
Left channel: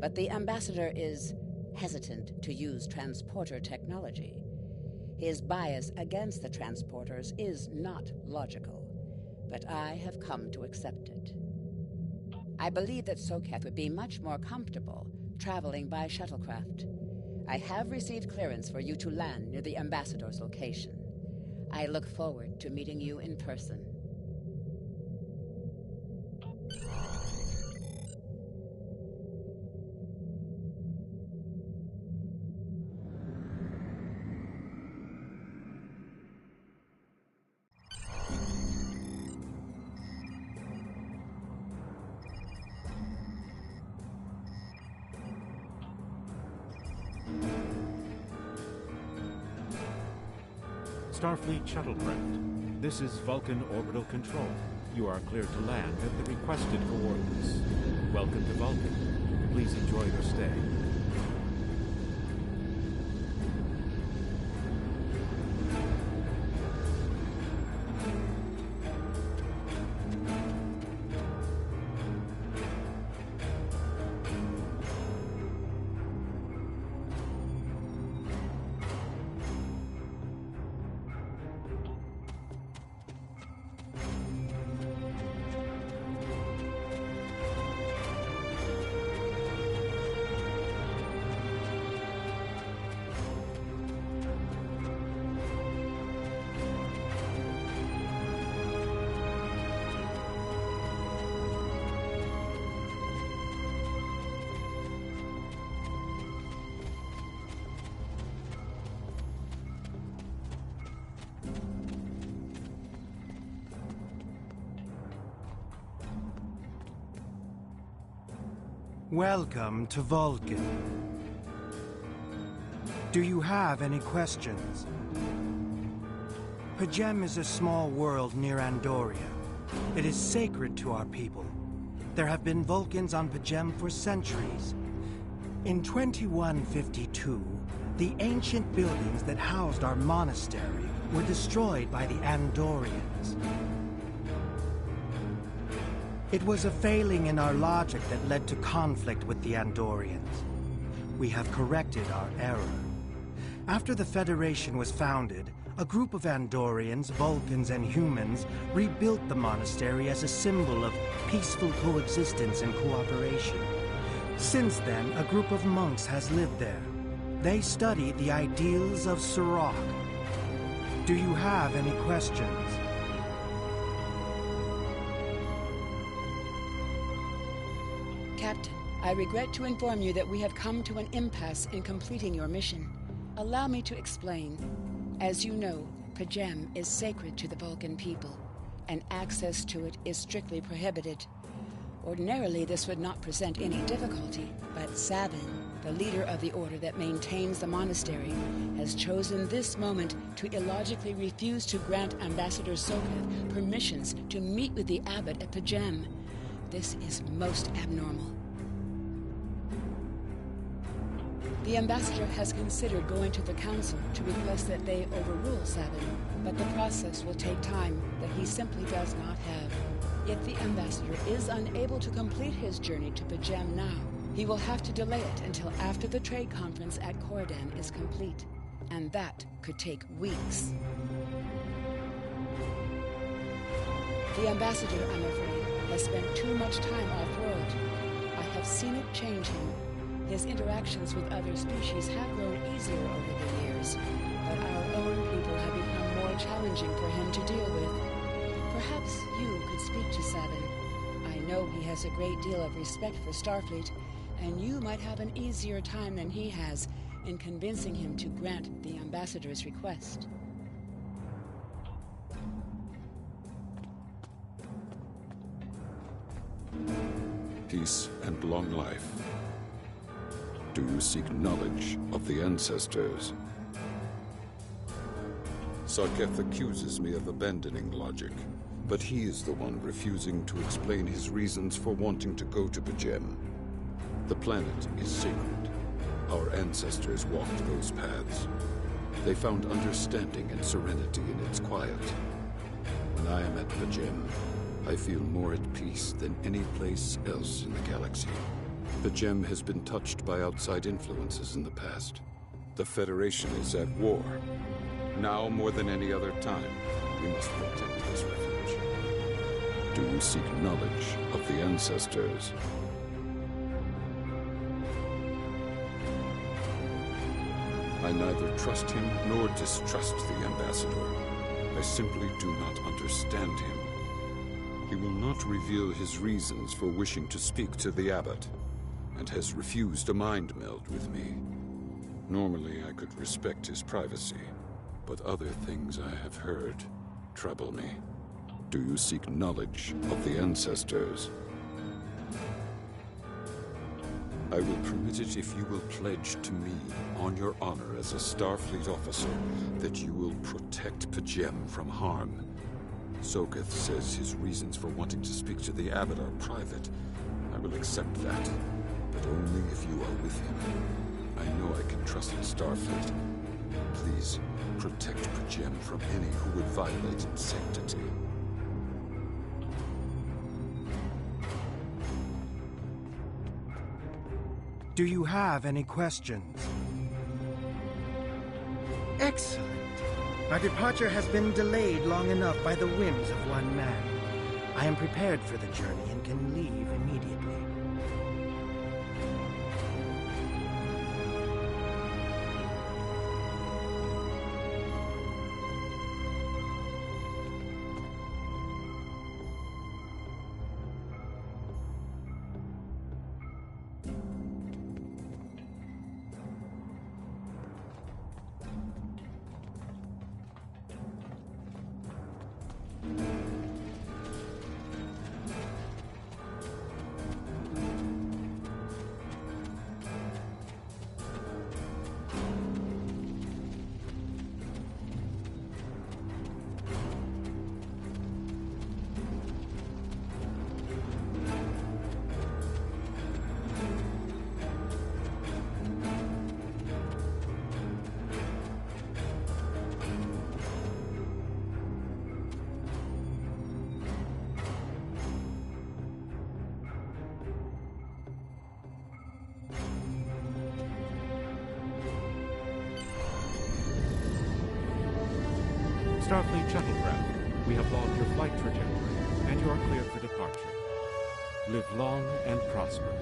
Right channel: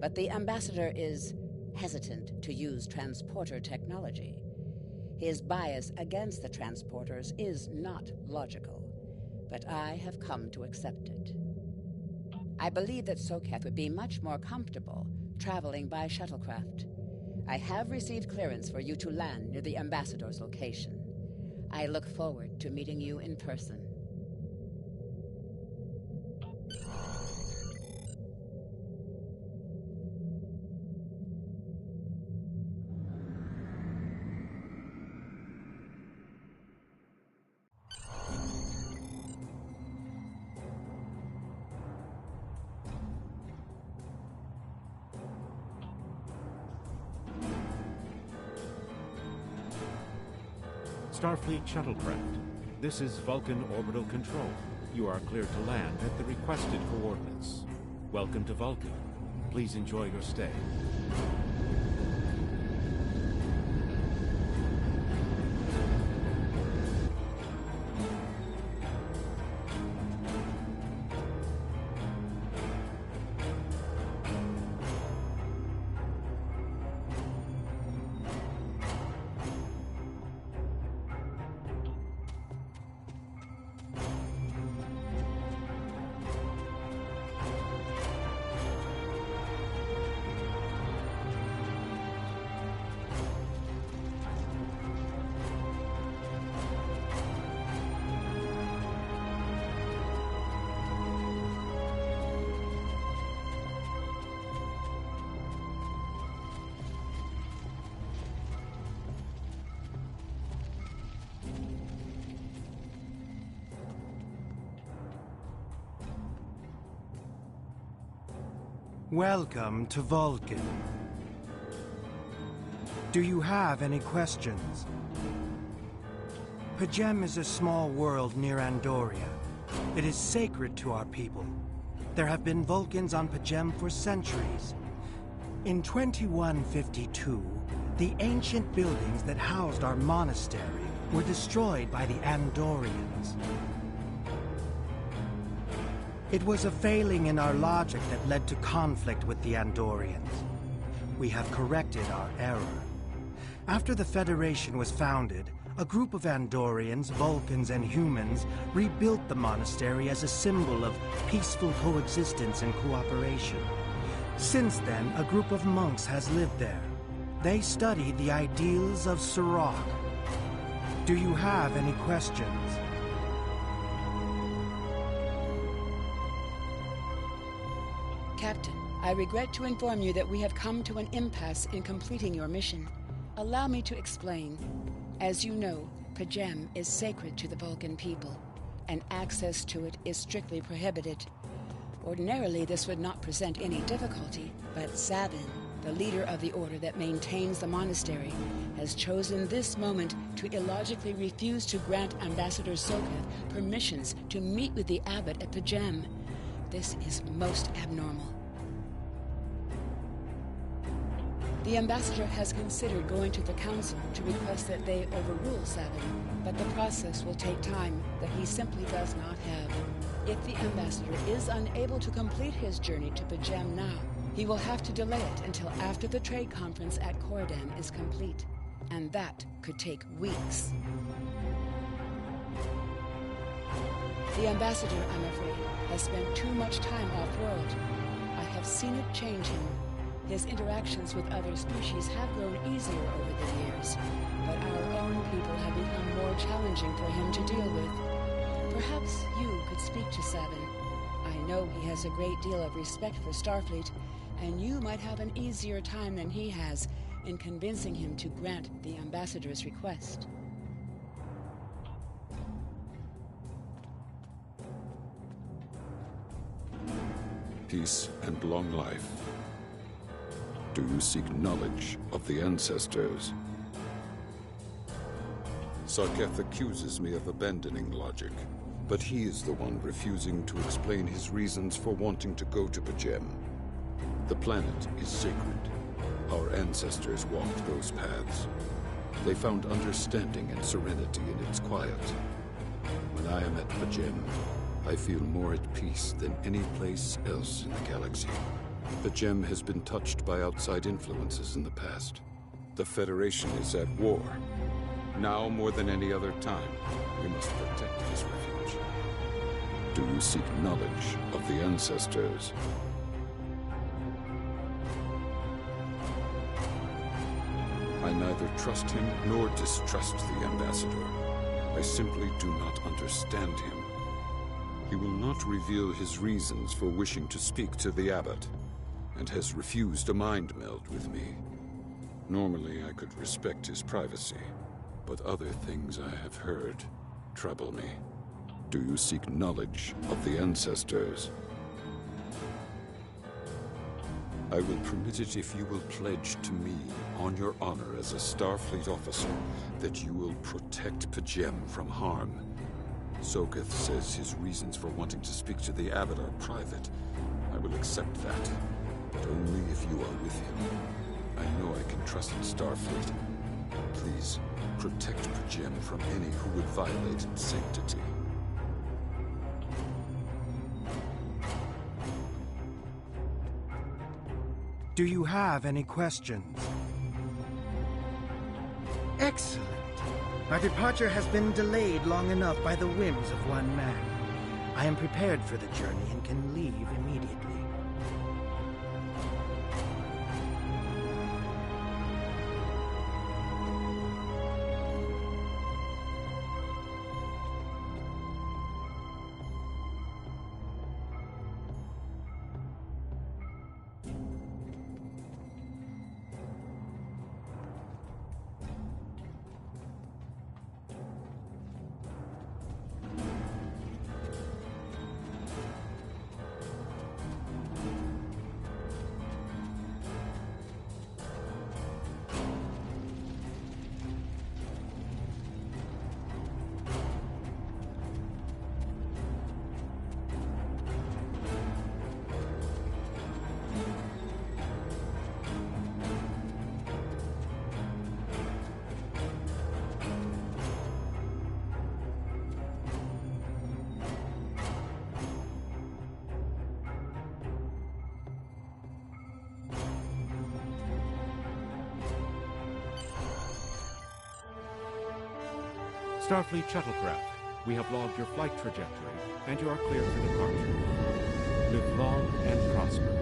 but the ambassador is hesitant to use transporter technology. His bias against the transporters is not logical, but I have come to accept it. I believe that Soketh would be much more comfortable traveling by shuttlecraft. I have received clearance for you to land near the Ambassador's location. I look forward to meeting you in person. Starfleet shuttlecraft. This is Vulcan Orbital Control. You are cleared to land at the requested coordinates. Welcome to Vulcan. Please enjoy your stay. Welcome to Vulcan. Do you have any questions? Pajem is a small world near Andoria. It is sacred to our people. There have been Vulcans on Pajem for centuries. In 2152, the ancient buildings that housed our monastery were destroyed by the Andorians. It was a failing in our logic that led to conflict with the Andorians. We have corrected our error. After the Federation was founded, a group of Andorians, Vulcans, and humans rebuilt the monastery as a symbol of peaceful coexistence and cooperation. Since then, a group of monks has lived there. They study the ideals of Sirach. Do you have any questions? Captain, I regret to inform you that we have come to an impasse in completing your mission. Allow me to explain. As you know, Pajem is sacred to the Vulcan people, and access to it is strictly prohibited. Ordinarily, this would not present any difficulty, but Sabin, the leader of the order that maintains the monastery, has chosen this moment to illogically refuse to grant Ambassador Soketh permissions to meet with the abbot at Pajem. This is most abnormal. The ambassador has considered going to the council to request that they overrule Sabin, but the process will take time that he simply does not have. If the ambassador is unable to complete his journey to Pajem now, he will have to delay it until after the trade conference at Corridan is complete, and that could take weeks. The ambassador, I'm afraid, has spent too much time off-world. I have seen it change him. His interactions with other species have grown easier over the years, but our own people have become more challenging for him to deal with. Perhaps you could speak to Sabin. I know he has a great deal of respect for Starfleet, and you might have an easier time than he has in convincing him to grant the ambassador's request. Peace and long life. Do you seek knowledge of the ancestors? Soketh accuses me of abandoning logic, but he is the one refusing to explain his reasons for wanting to go to Pajem. The planet is sacred. Our ancestors walked those paths. They found understanding and serenity in its quiet. When I am at Pajem, I feel more at peace than any place else in the galaxy. Pajem has been touched by outside influences in the past. The Federation is at war. Now more than any other time, we must protect this refuge. Do you seek knowledge of the ancestors? I neither trust him nor distrust the ambassador. I simply do not understand him. He will not reveal his reasons for wishing to speak to the abbot, and has refused a mind meld with me. Normally, I could respect his privacy, but other things I have heard trouble me. Do you seek knowledge of the ancestors? I will permit it if you will pledge to me, on your honor as a Starfleet officer, that you will protect Pajem from harm. Soketh says his reasons for wanting to speak to the abbot are private. I will accept that, but only if you are with him. I know I can trust Starfleet. Please, protect Pajem from any who would violate its sanctity. Do you have any questions? Excellent. Our departure has been delayed long enough by the whims of one man. I am prepared for the journey and can leave immediately. Starfleet shuttlecraft, we have logged your flight trajectory, and you are cleared for departure. Live long and prosper.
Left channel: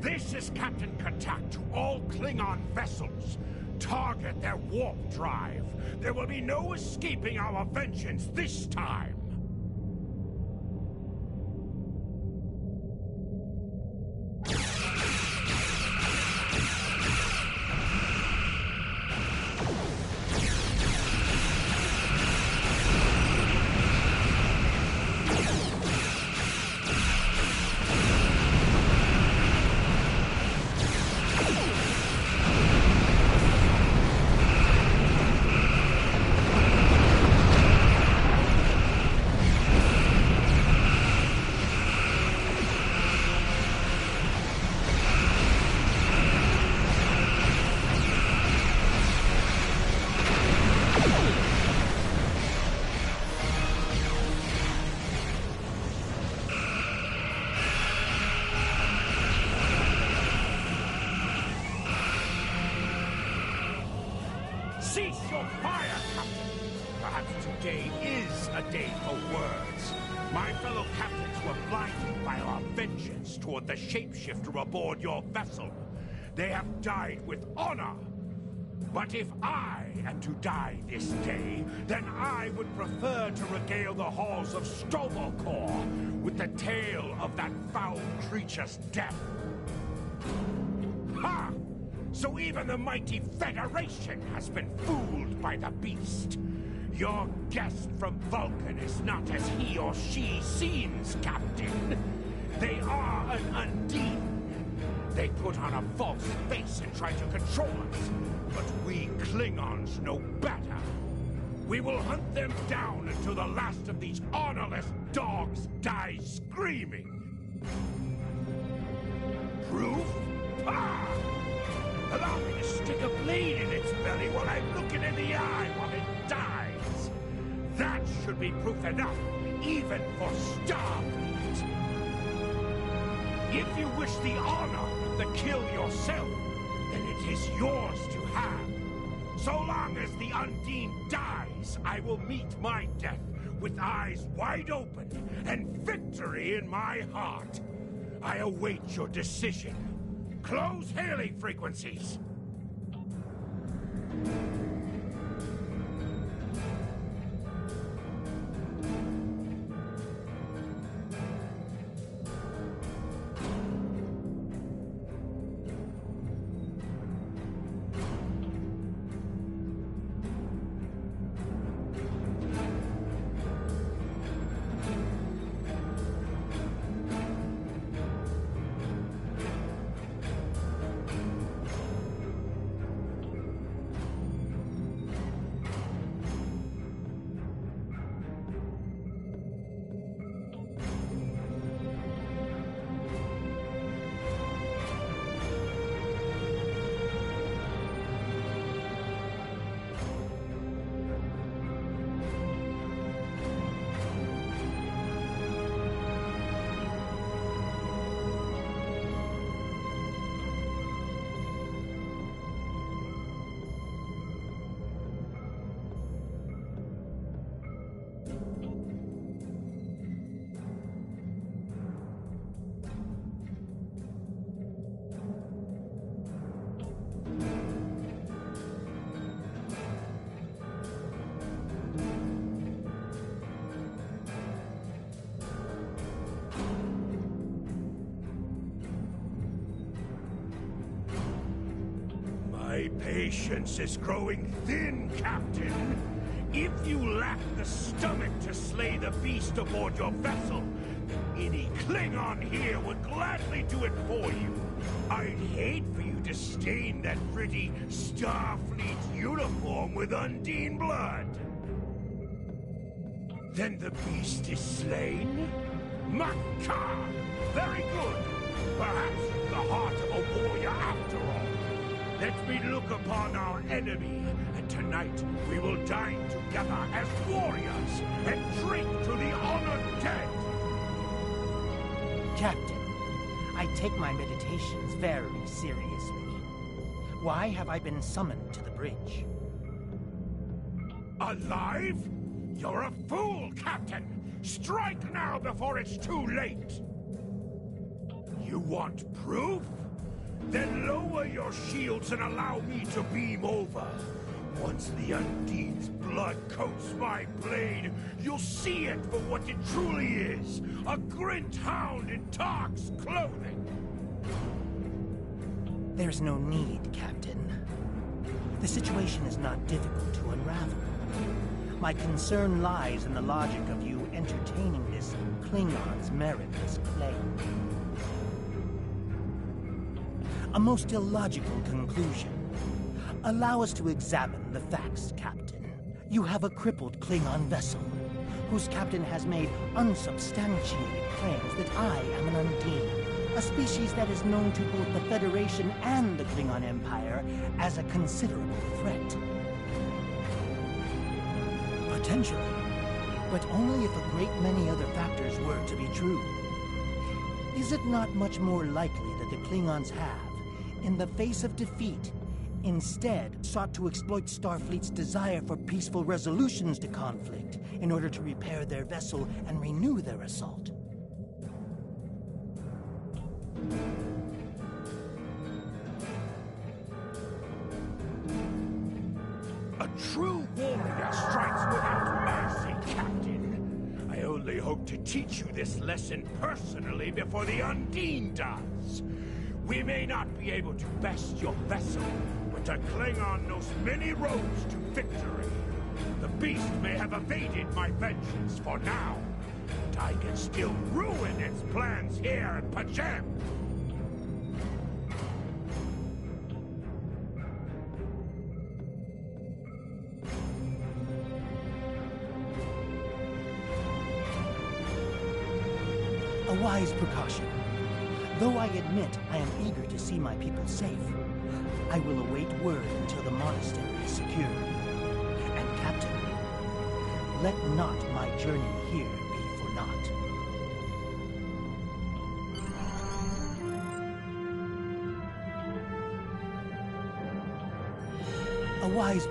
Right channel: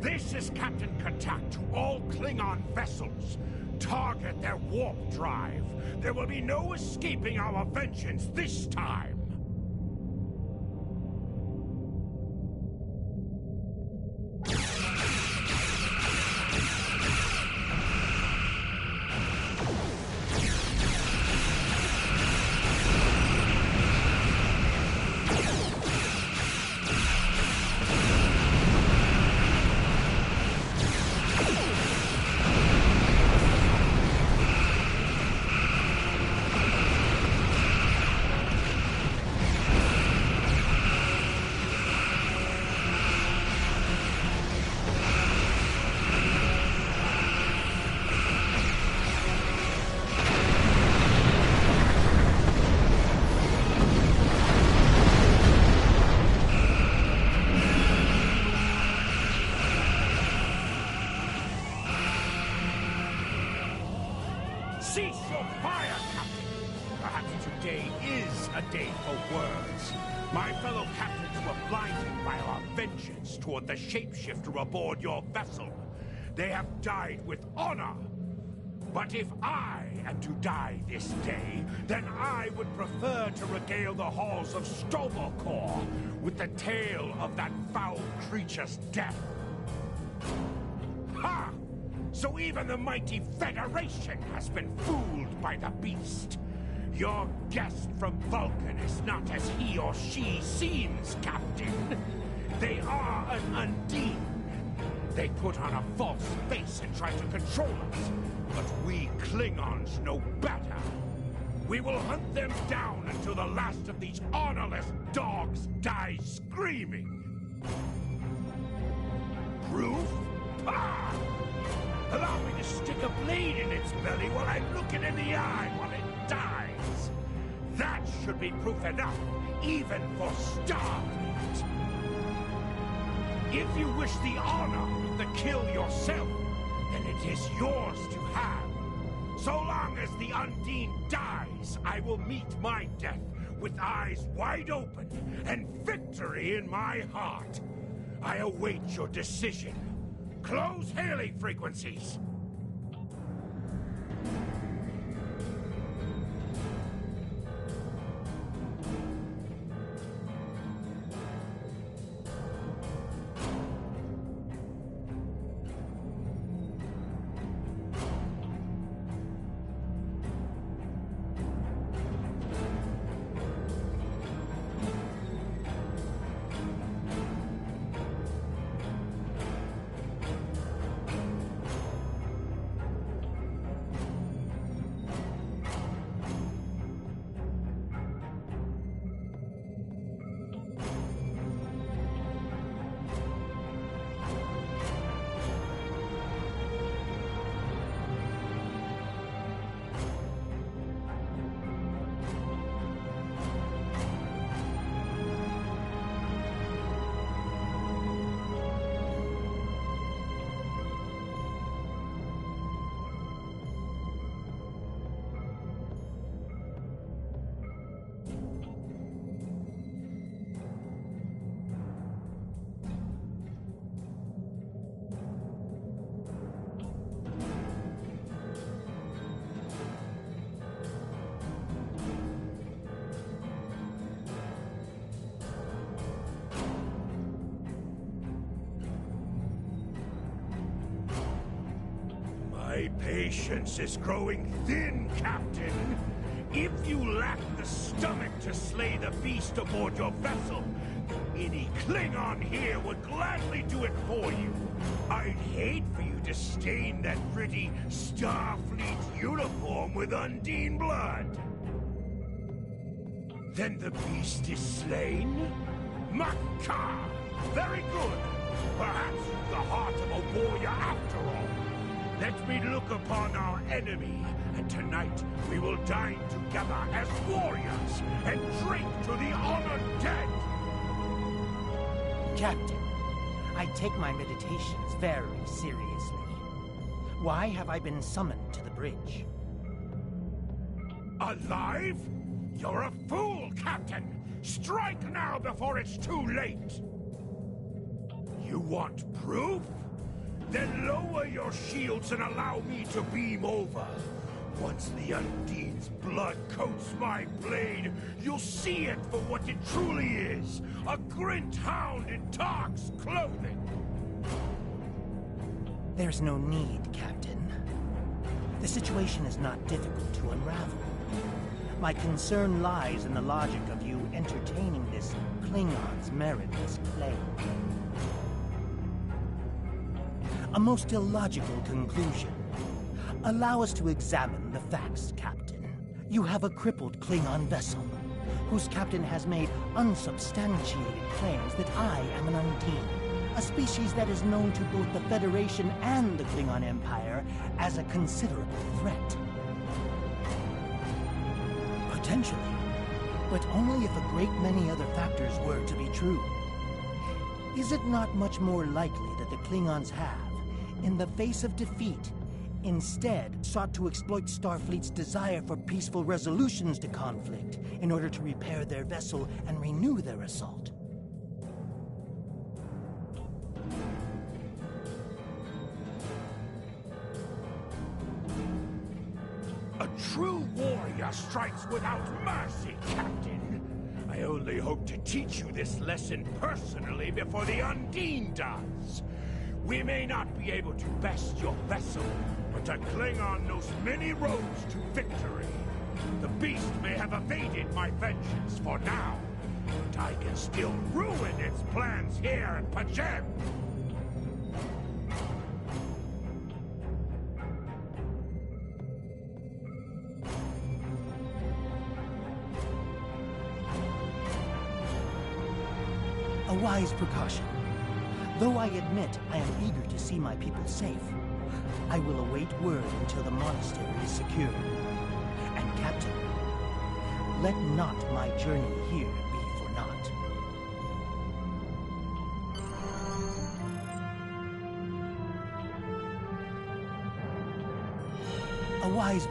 This is Captain Katak to all Klingon vessels. Target their warp drive. There will be no escaping our vengeance this time. Cease your fire, Captain! Perhaps today is a day for words. My fellow captains were blinded by our vengeance toward the shapeshifter aboard your vessel. They have died with honor. But if I am to die this day, then I would prefer to regale the halls of Stovokor with the tale of that foul creature's death. Ha! So even the mighty Federation has been fooled by the beast. Your guest from Vulcan is not as he or she seems, Captain. They are an Undine. They put on a false face and try to control us. But we Klingons know better. We will hunt them down until the last of these honorless dogs dies screaming. Proof? Pah! Allow me to stick a blade in its belly while I look it in the eye while it dies. That should be proof enough, even for Starfleet. If you wish the honor of the kill yourself, then it is yours to have. So long as the Undine dies, I will meet my death with eyes wide open and victory in my heart. I await your decision. Close hailing frequencies! My patience is growing thin, Captain. If you lack the stomach to slay the beast aboard your vessel, then any Klingon here would gladly do it for you. I'd hate for you to stain that pretty Starfleet uniform with Undine blood. Then the beast is slain? Makar! Very good. Perhaps you've the heart of a warrior after all. Let me look upon our enemy, and tonight we will dine together as warriors and drink to the honored dead. Captain, I take my meditations very seriously. Why have I been summoned to the bridge? Alive? You're a fool, Captain! Strike now before it's too late! You want proof? Then lower your shields and allow me to beam over. Once the Undine's blood coats my blade, you'll see it for what it truly is. A Grint hound in Tark's clothing. There's no need, Captain. The situation is not difficult to unravel. My concern lies in the logic of you entertaining this Klingon's meritless claim. A most illogical conclusion. Allow us to examine the facts, Captain. You have a crippled Klingon vessel, whose captain has made unsubstantiated claims that I am an Undine, a species that is known to both the Federation and the Klingon Empire as a considerable threat. Potentially, but only if a great many other factors were to be true. Is it not much more likely that the Klingons have, in the face of defeat, instead sought to exploit Starfleet's desire for peaceful resolutions to conflict in order to repair their vessel and renew their assault? A true warrior strikes without mercy, Captain. I only hope to teach you this lesson personally before the Undine does. We may not be able to best your vessel, but a Klingon knows many roads to victory. The beast may have evaded my vengeance for now, but I can still ruin its plans here at P'Jem. A wise precaution. Though I admit I am eager to see my people safe, I will await word until the monastery is secured. And Captain, let not my journey here be for naught. A wise...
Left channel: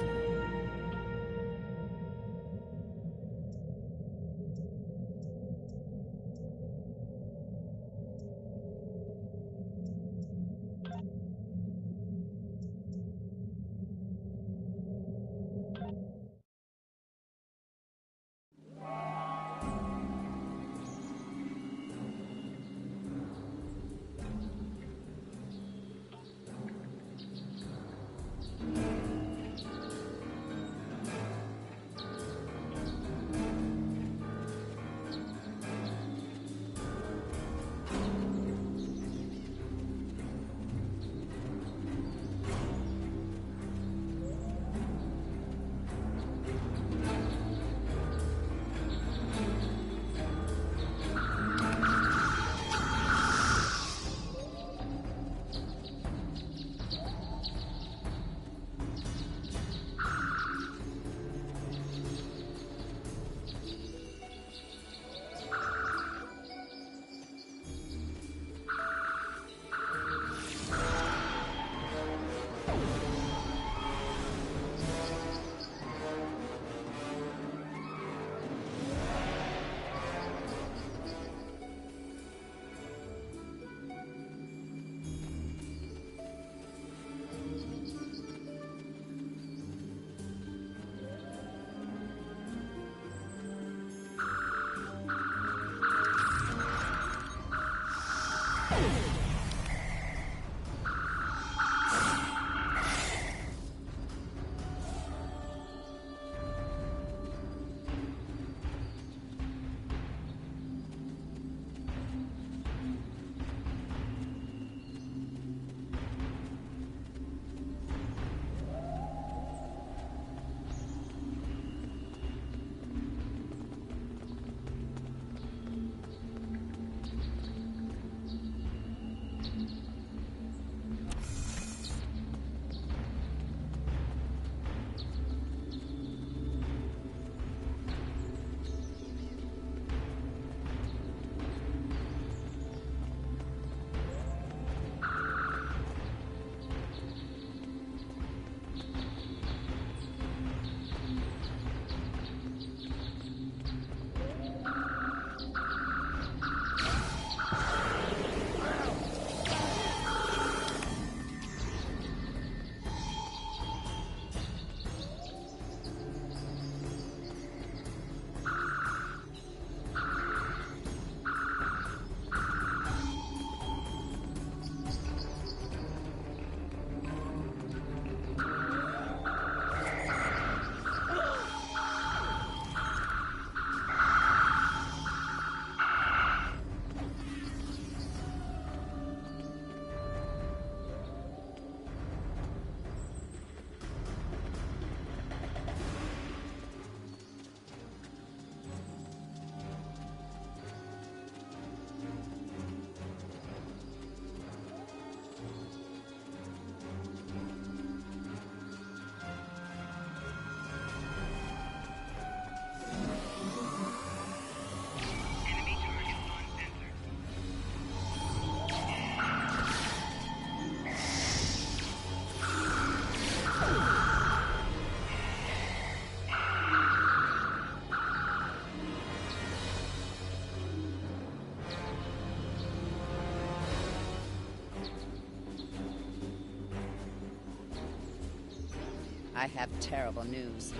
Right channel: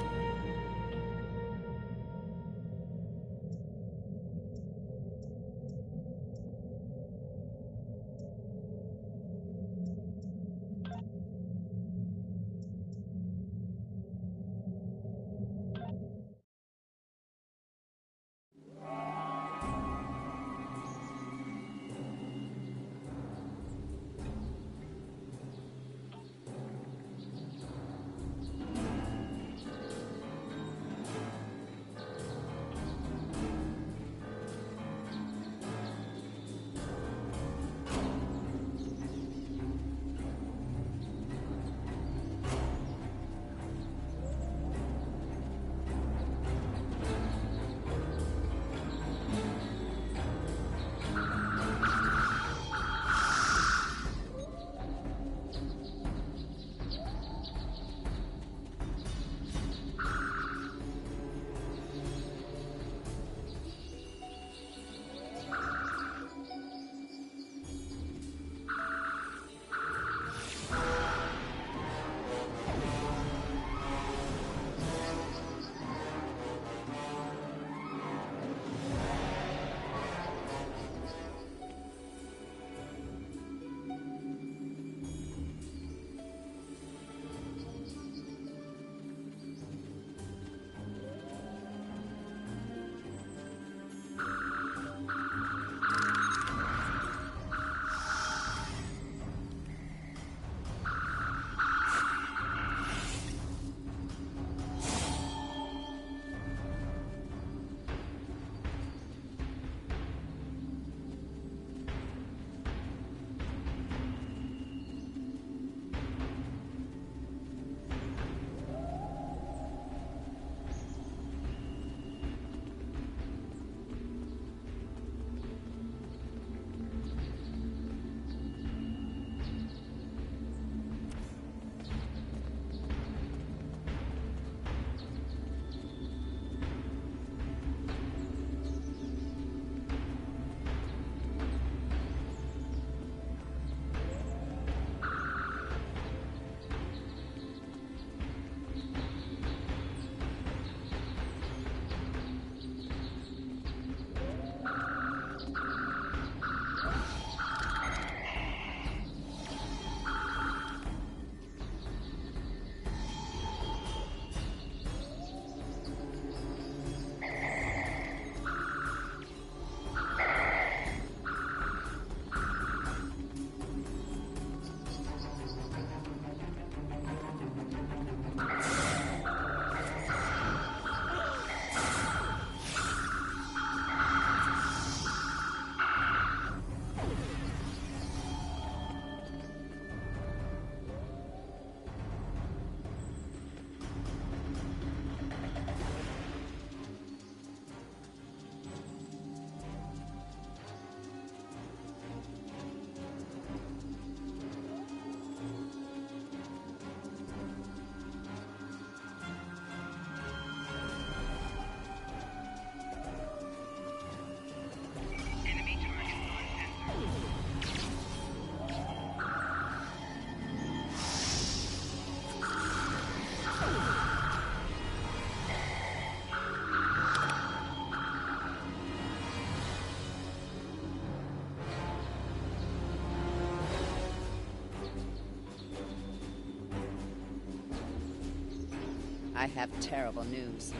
I have terrible news.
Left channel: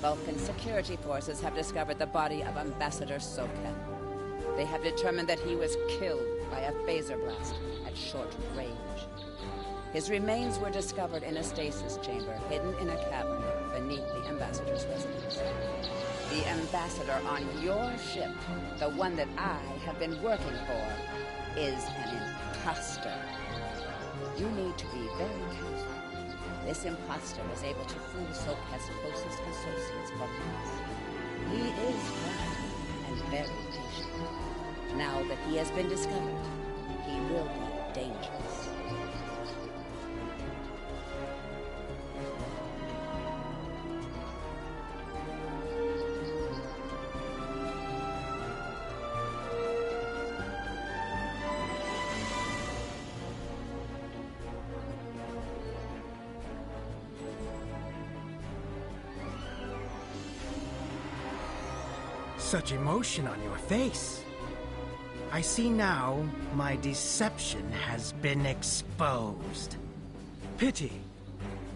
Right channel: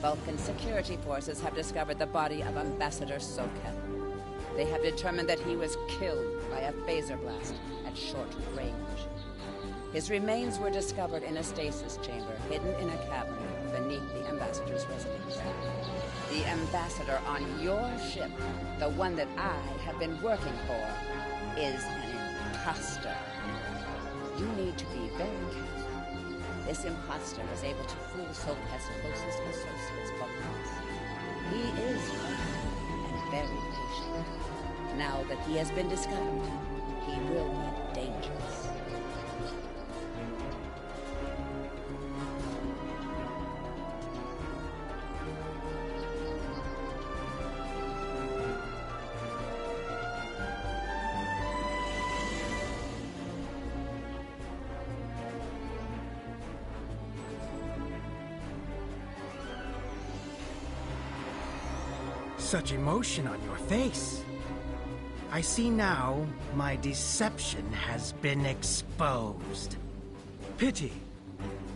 Vulcan security forces have discovered the body of Ambassador Soketh. They have determined that he was killed by a phaser blast at short range. His remains were discovered in a stasis chamber hidden in a cavern beneath the Ambassador's residence. The Ambassador on your ship, the one that I have been working for, is an imposter. You need to be very careful. This imposter was able to fool Soketh's closest associates for months. He is crafty and very patient. Now that he has been discovered, he will be dangerous. Such emotion on your face. I see now my deception has been exposed. Pity.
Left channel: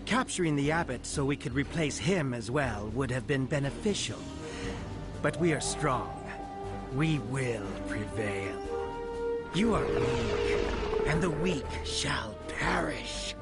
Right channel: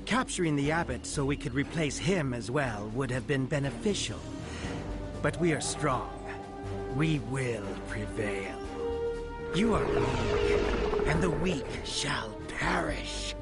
Capturing the abbot so we could replace him as well would have been beneficial. But we are strong. We will prevail. You are weak, and the weak shall perish.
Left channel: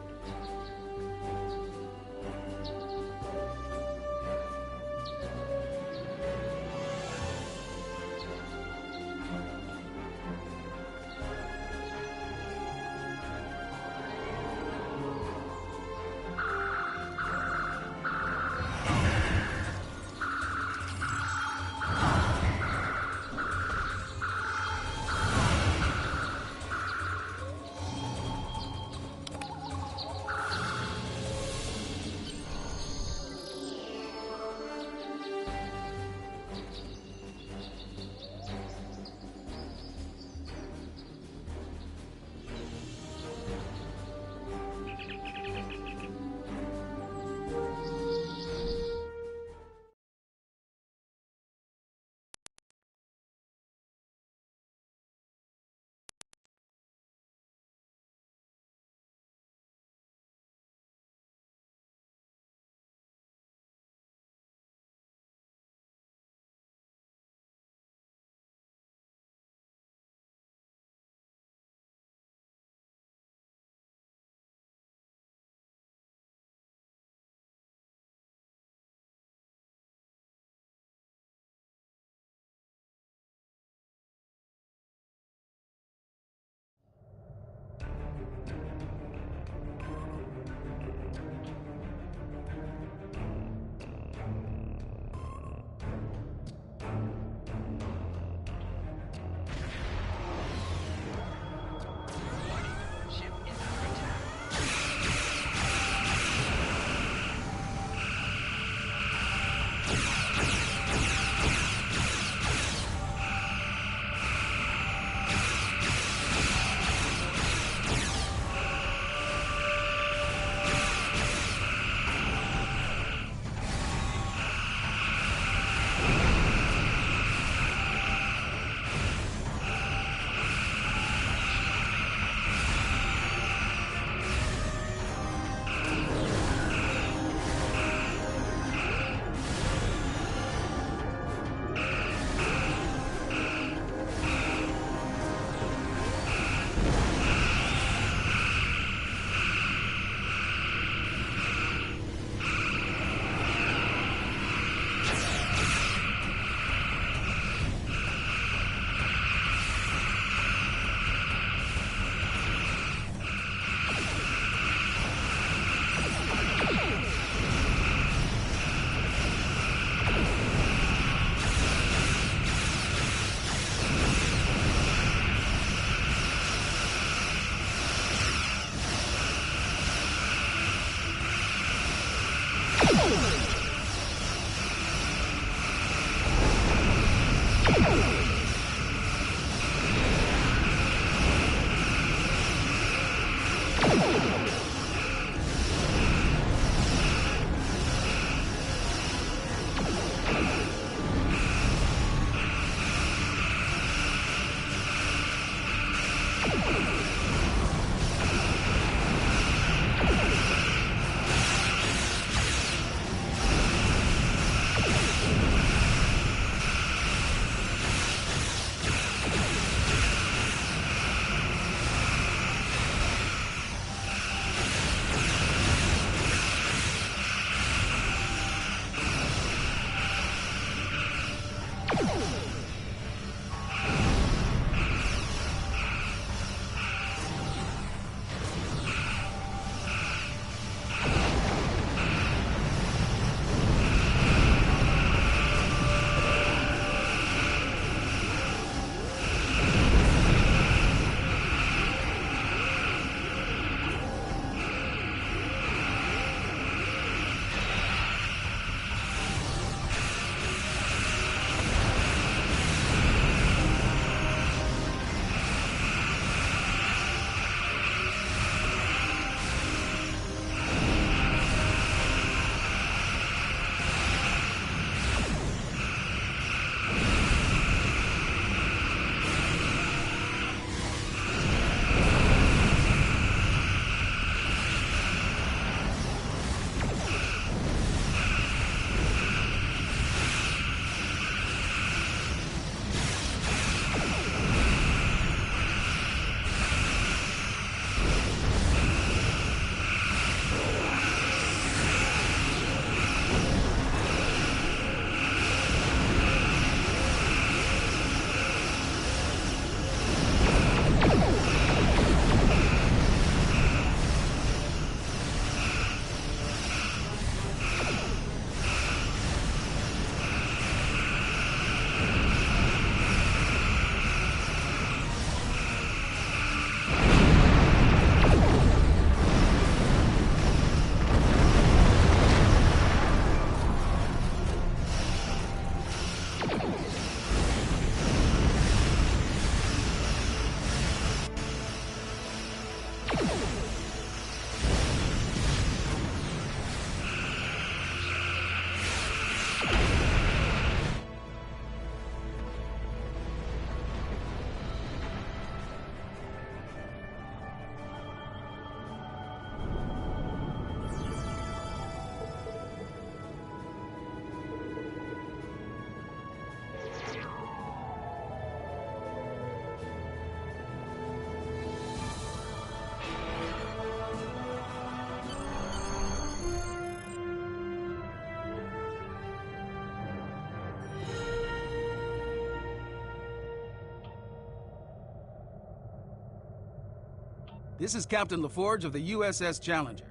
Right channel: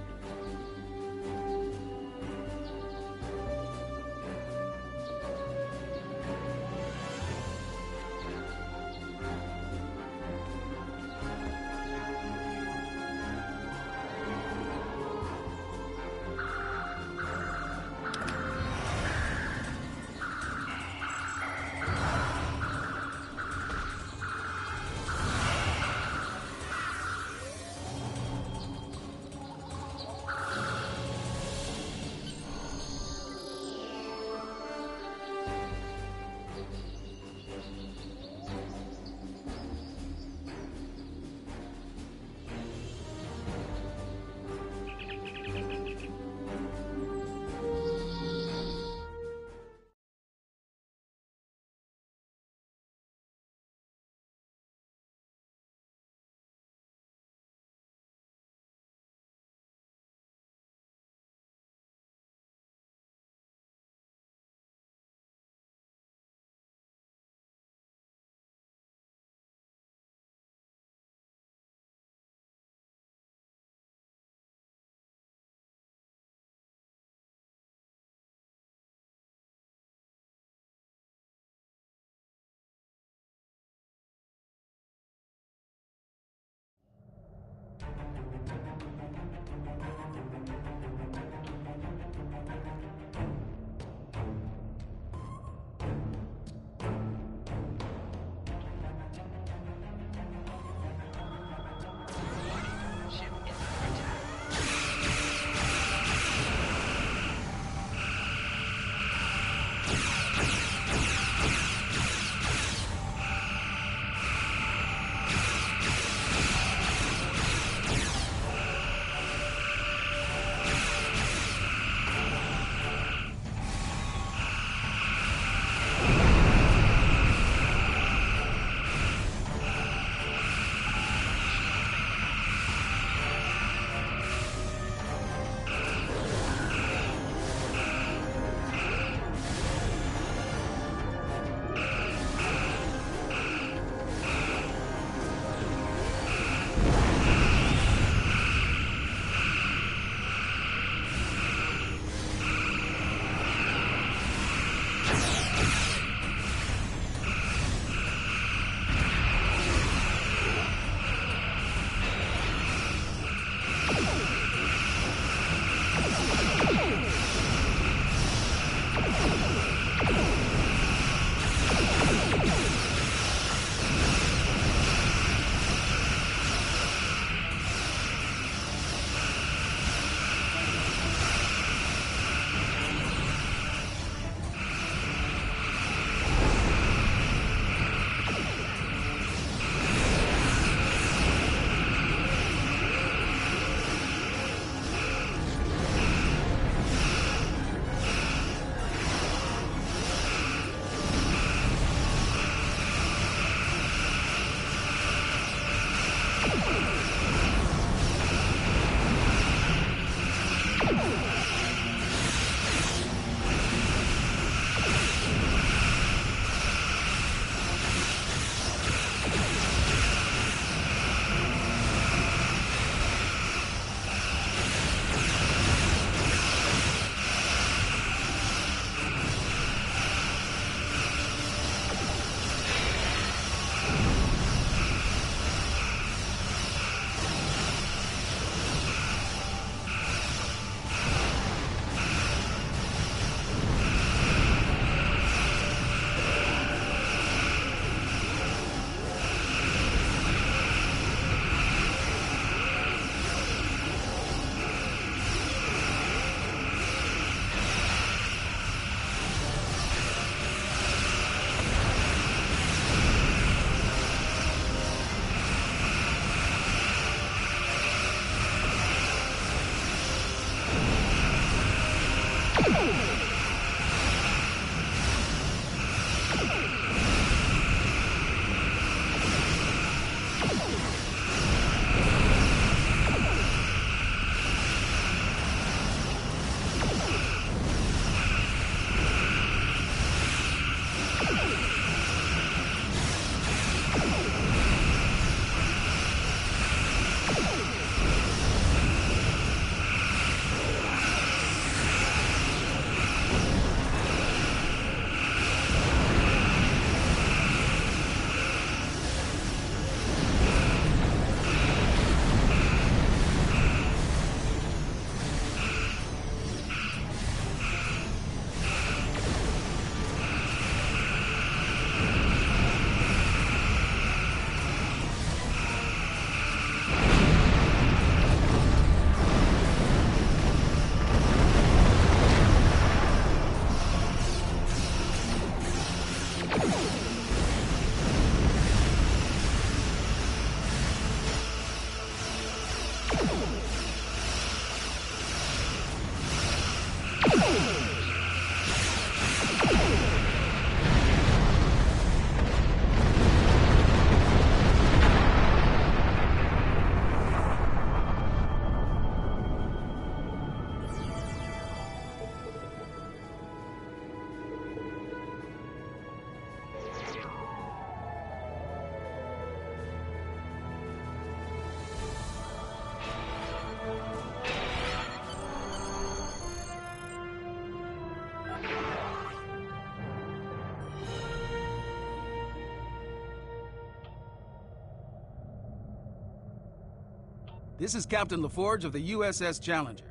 This is Captain LaForge of the USS Challenger.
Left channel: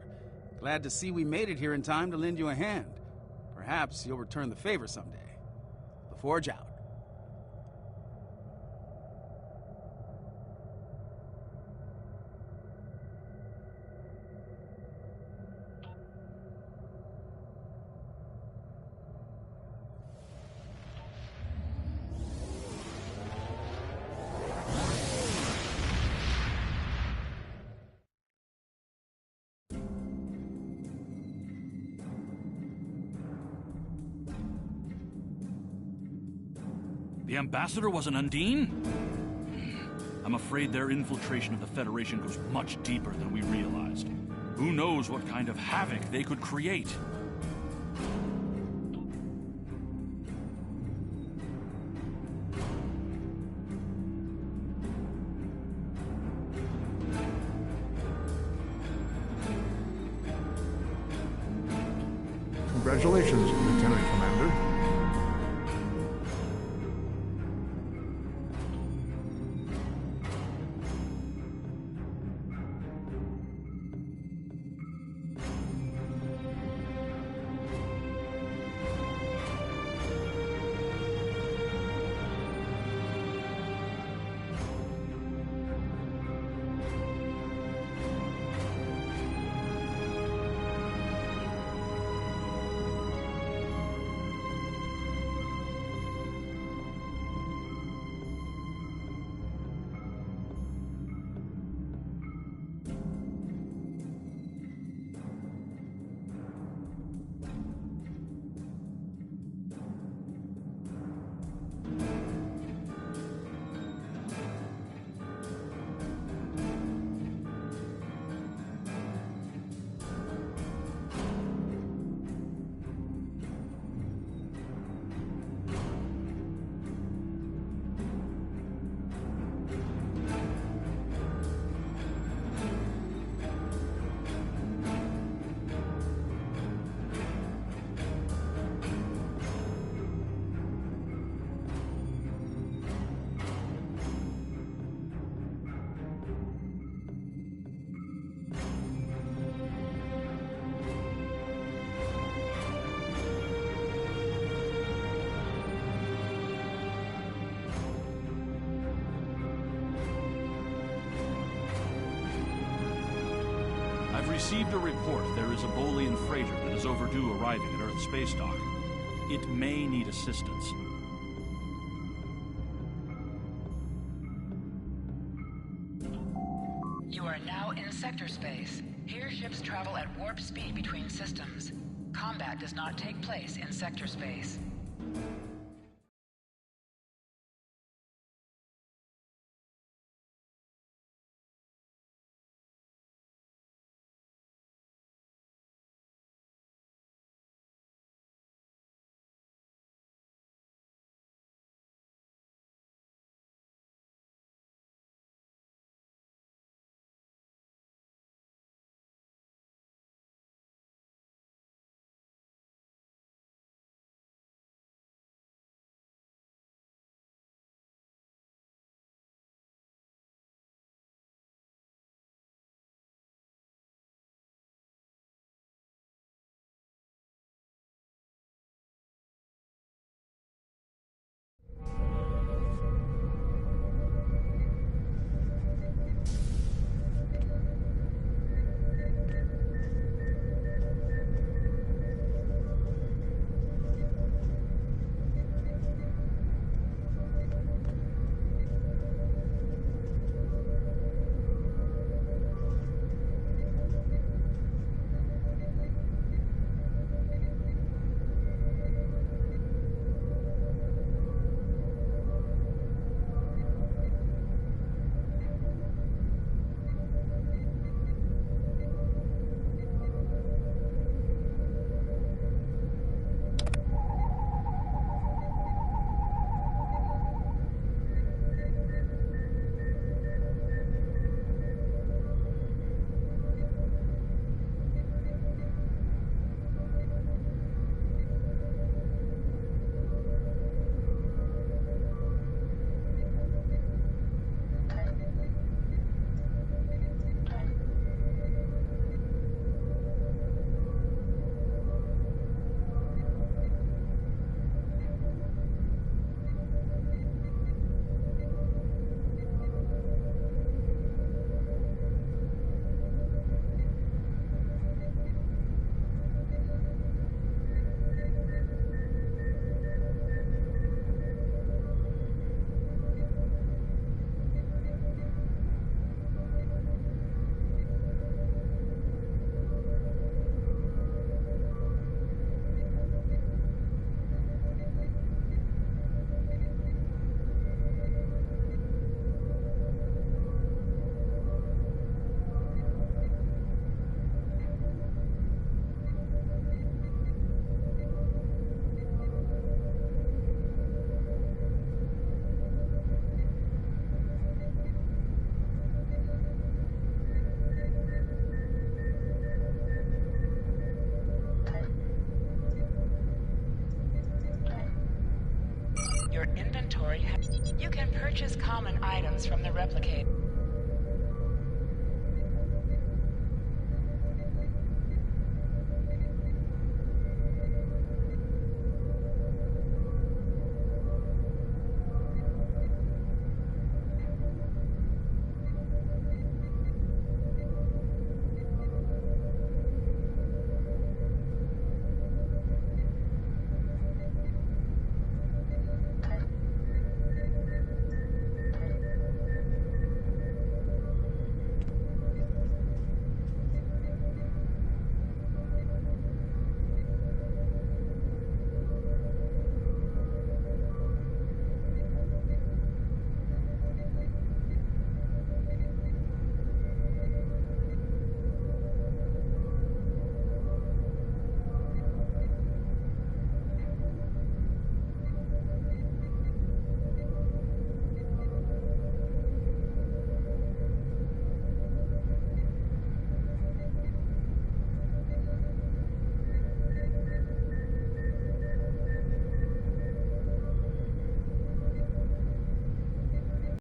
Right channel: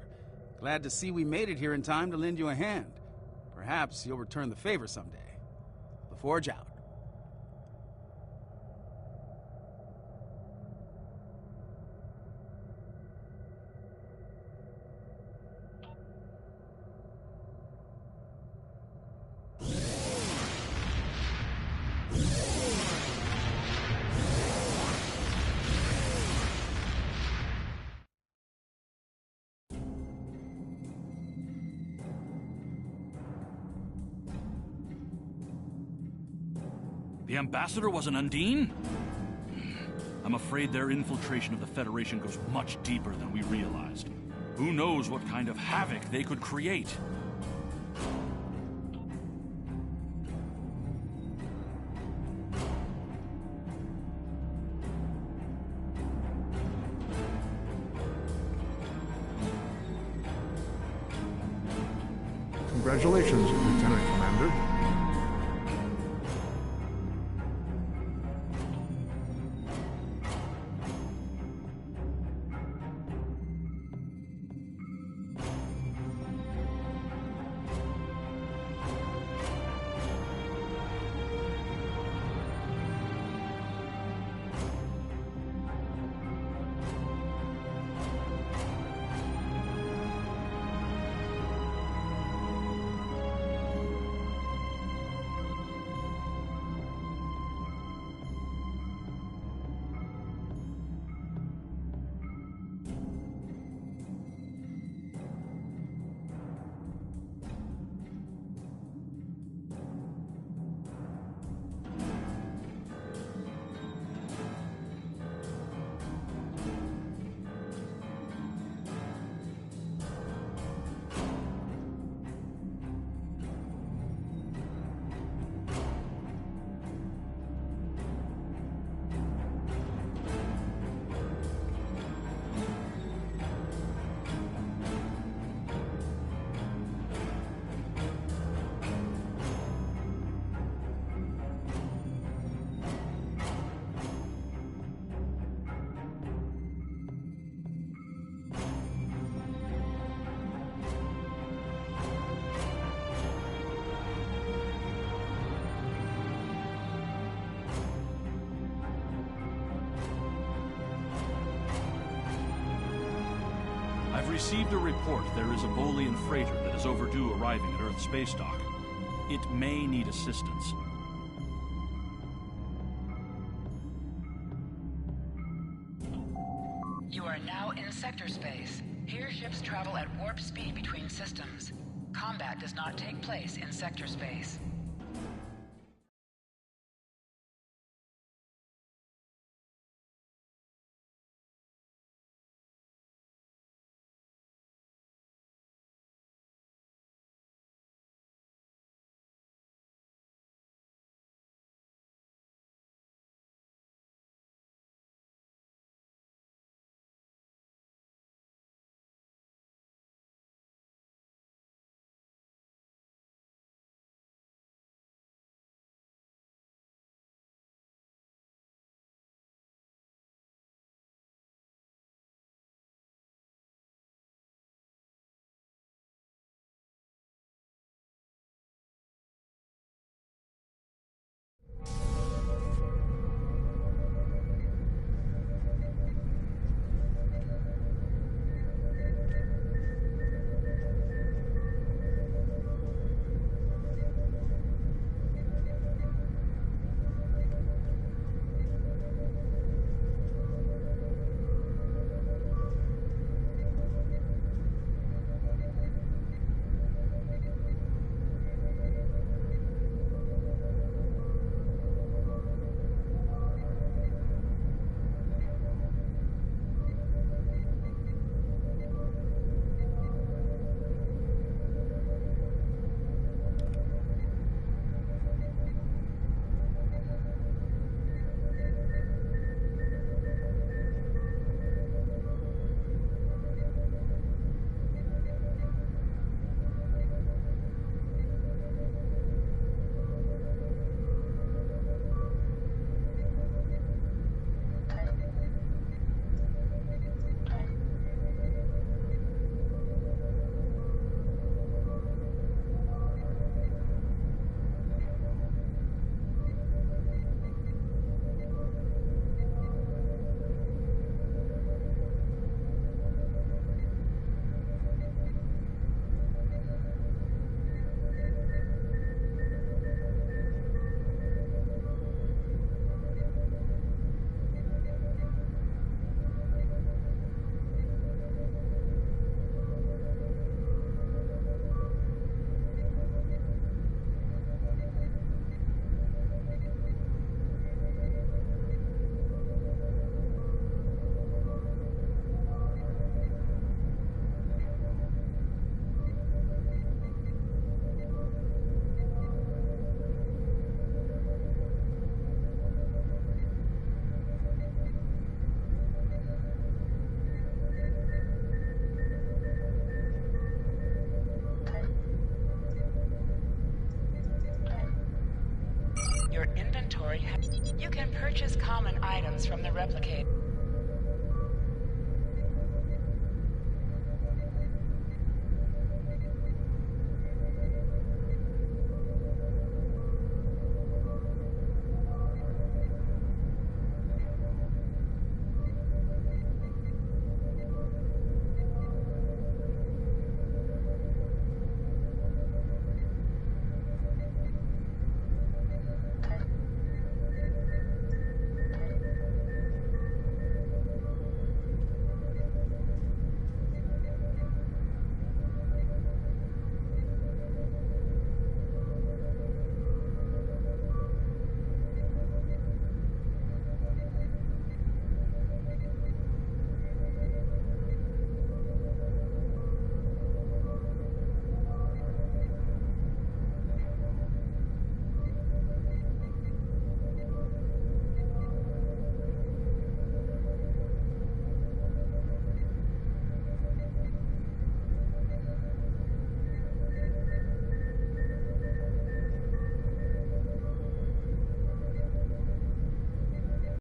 Glad to see we made it here in time to lend you a hand. Perhaps you'll return the favor someday. LaForge out. The ambassador was an Undine? I'm afraid their infiltration of the Federation goes much deeper than we realized. Who knows what kind of havoc they could create? Congratulations, Lieutenant Commander. I've received a report there is a Bolian freighter that is overdue arriving at Earth space dock. It may need assistance. You are now in sector space. Here ships travel at warp speed between systems. Combat does not take place in sector space. Your inventory You can purchase common items from the replicator.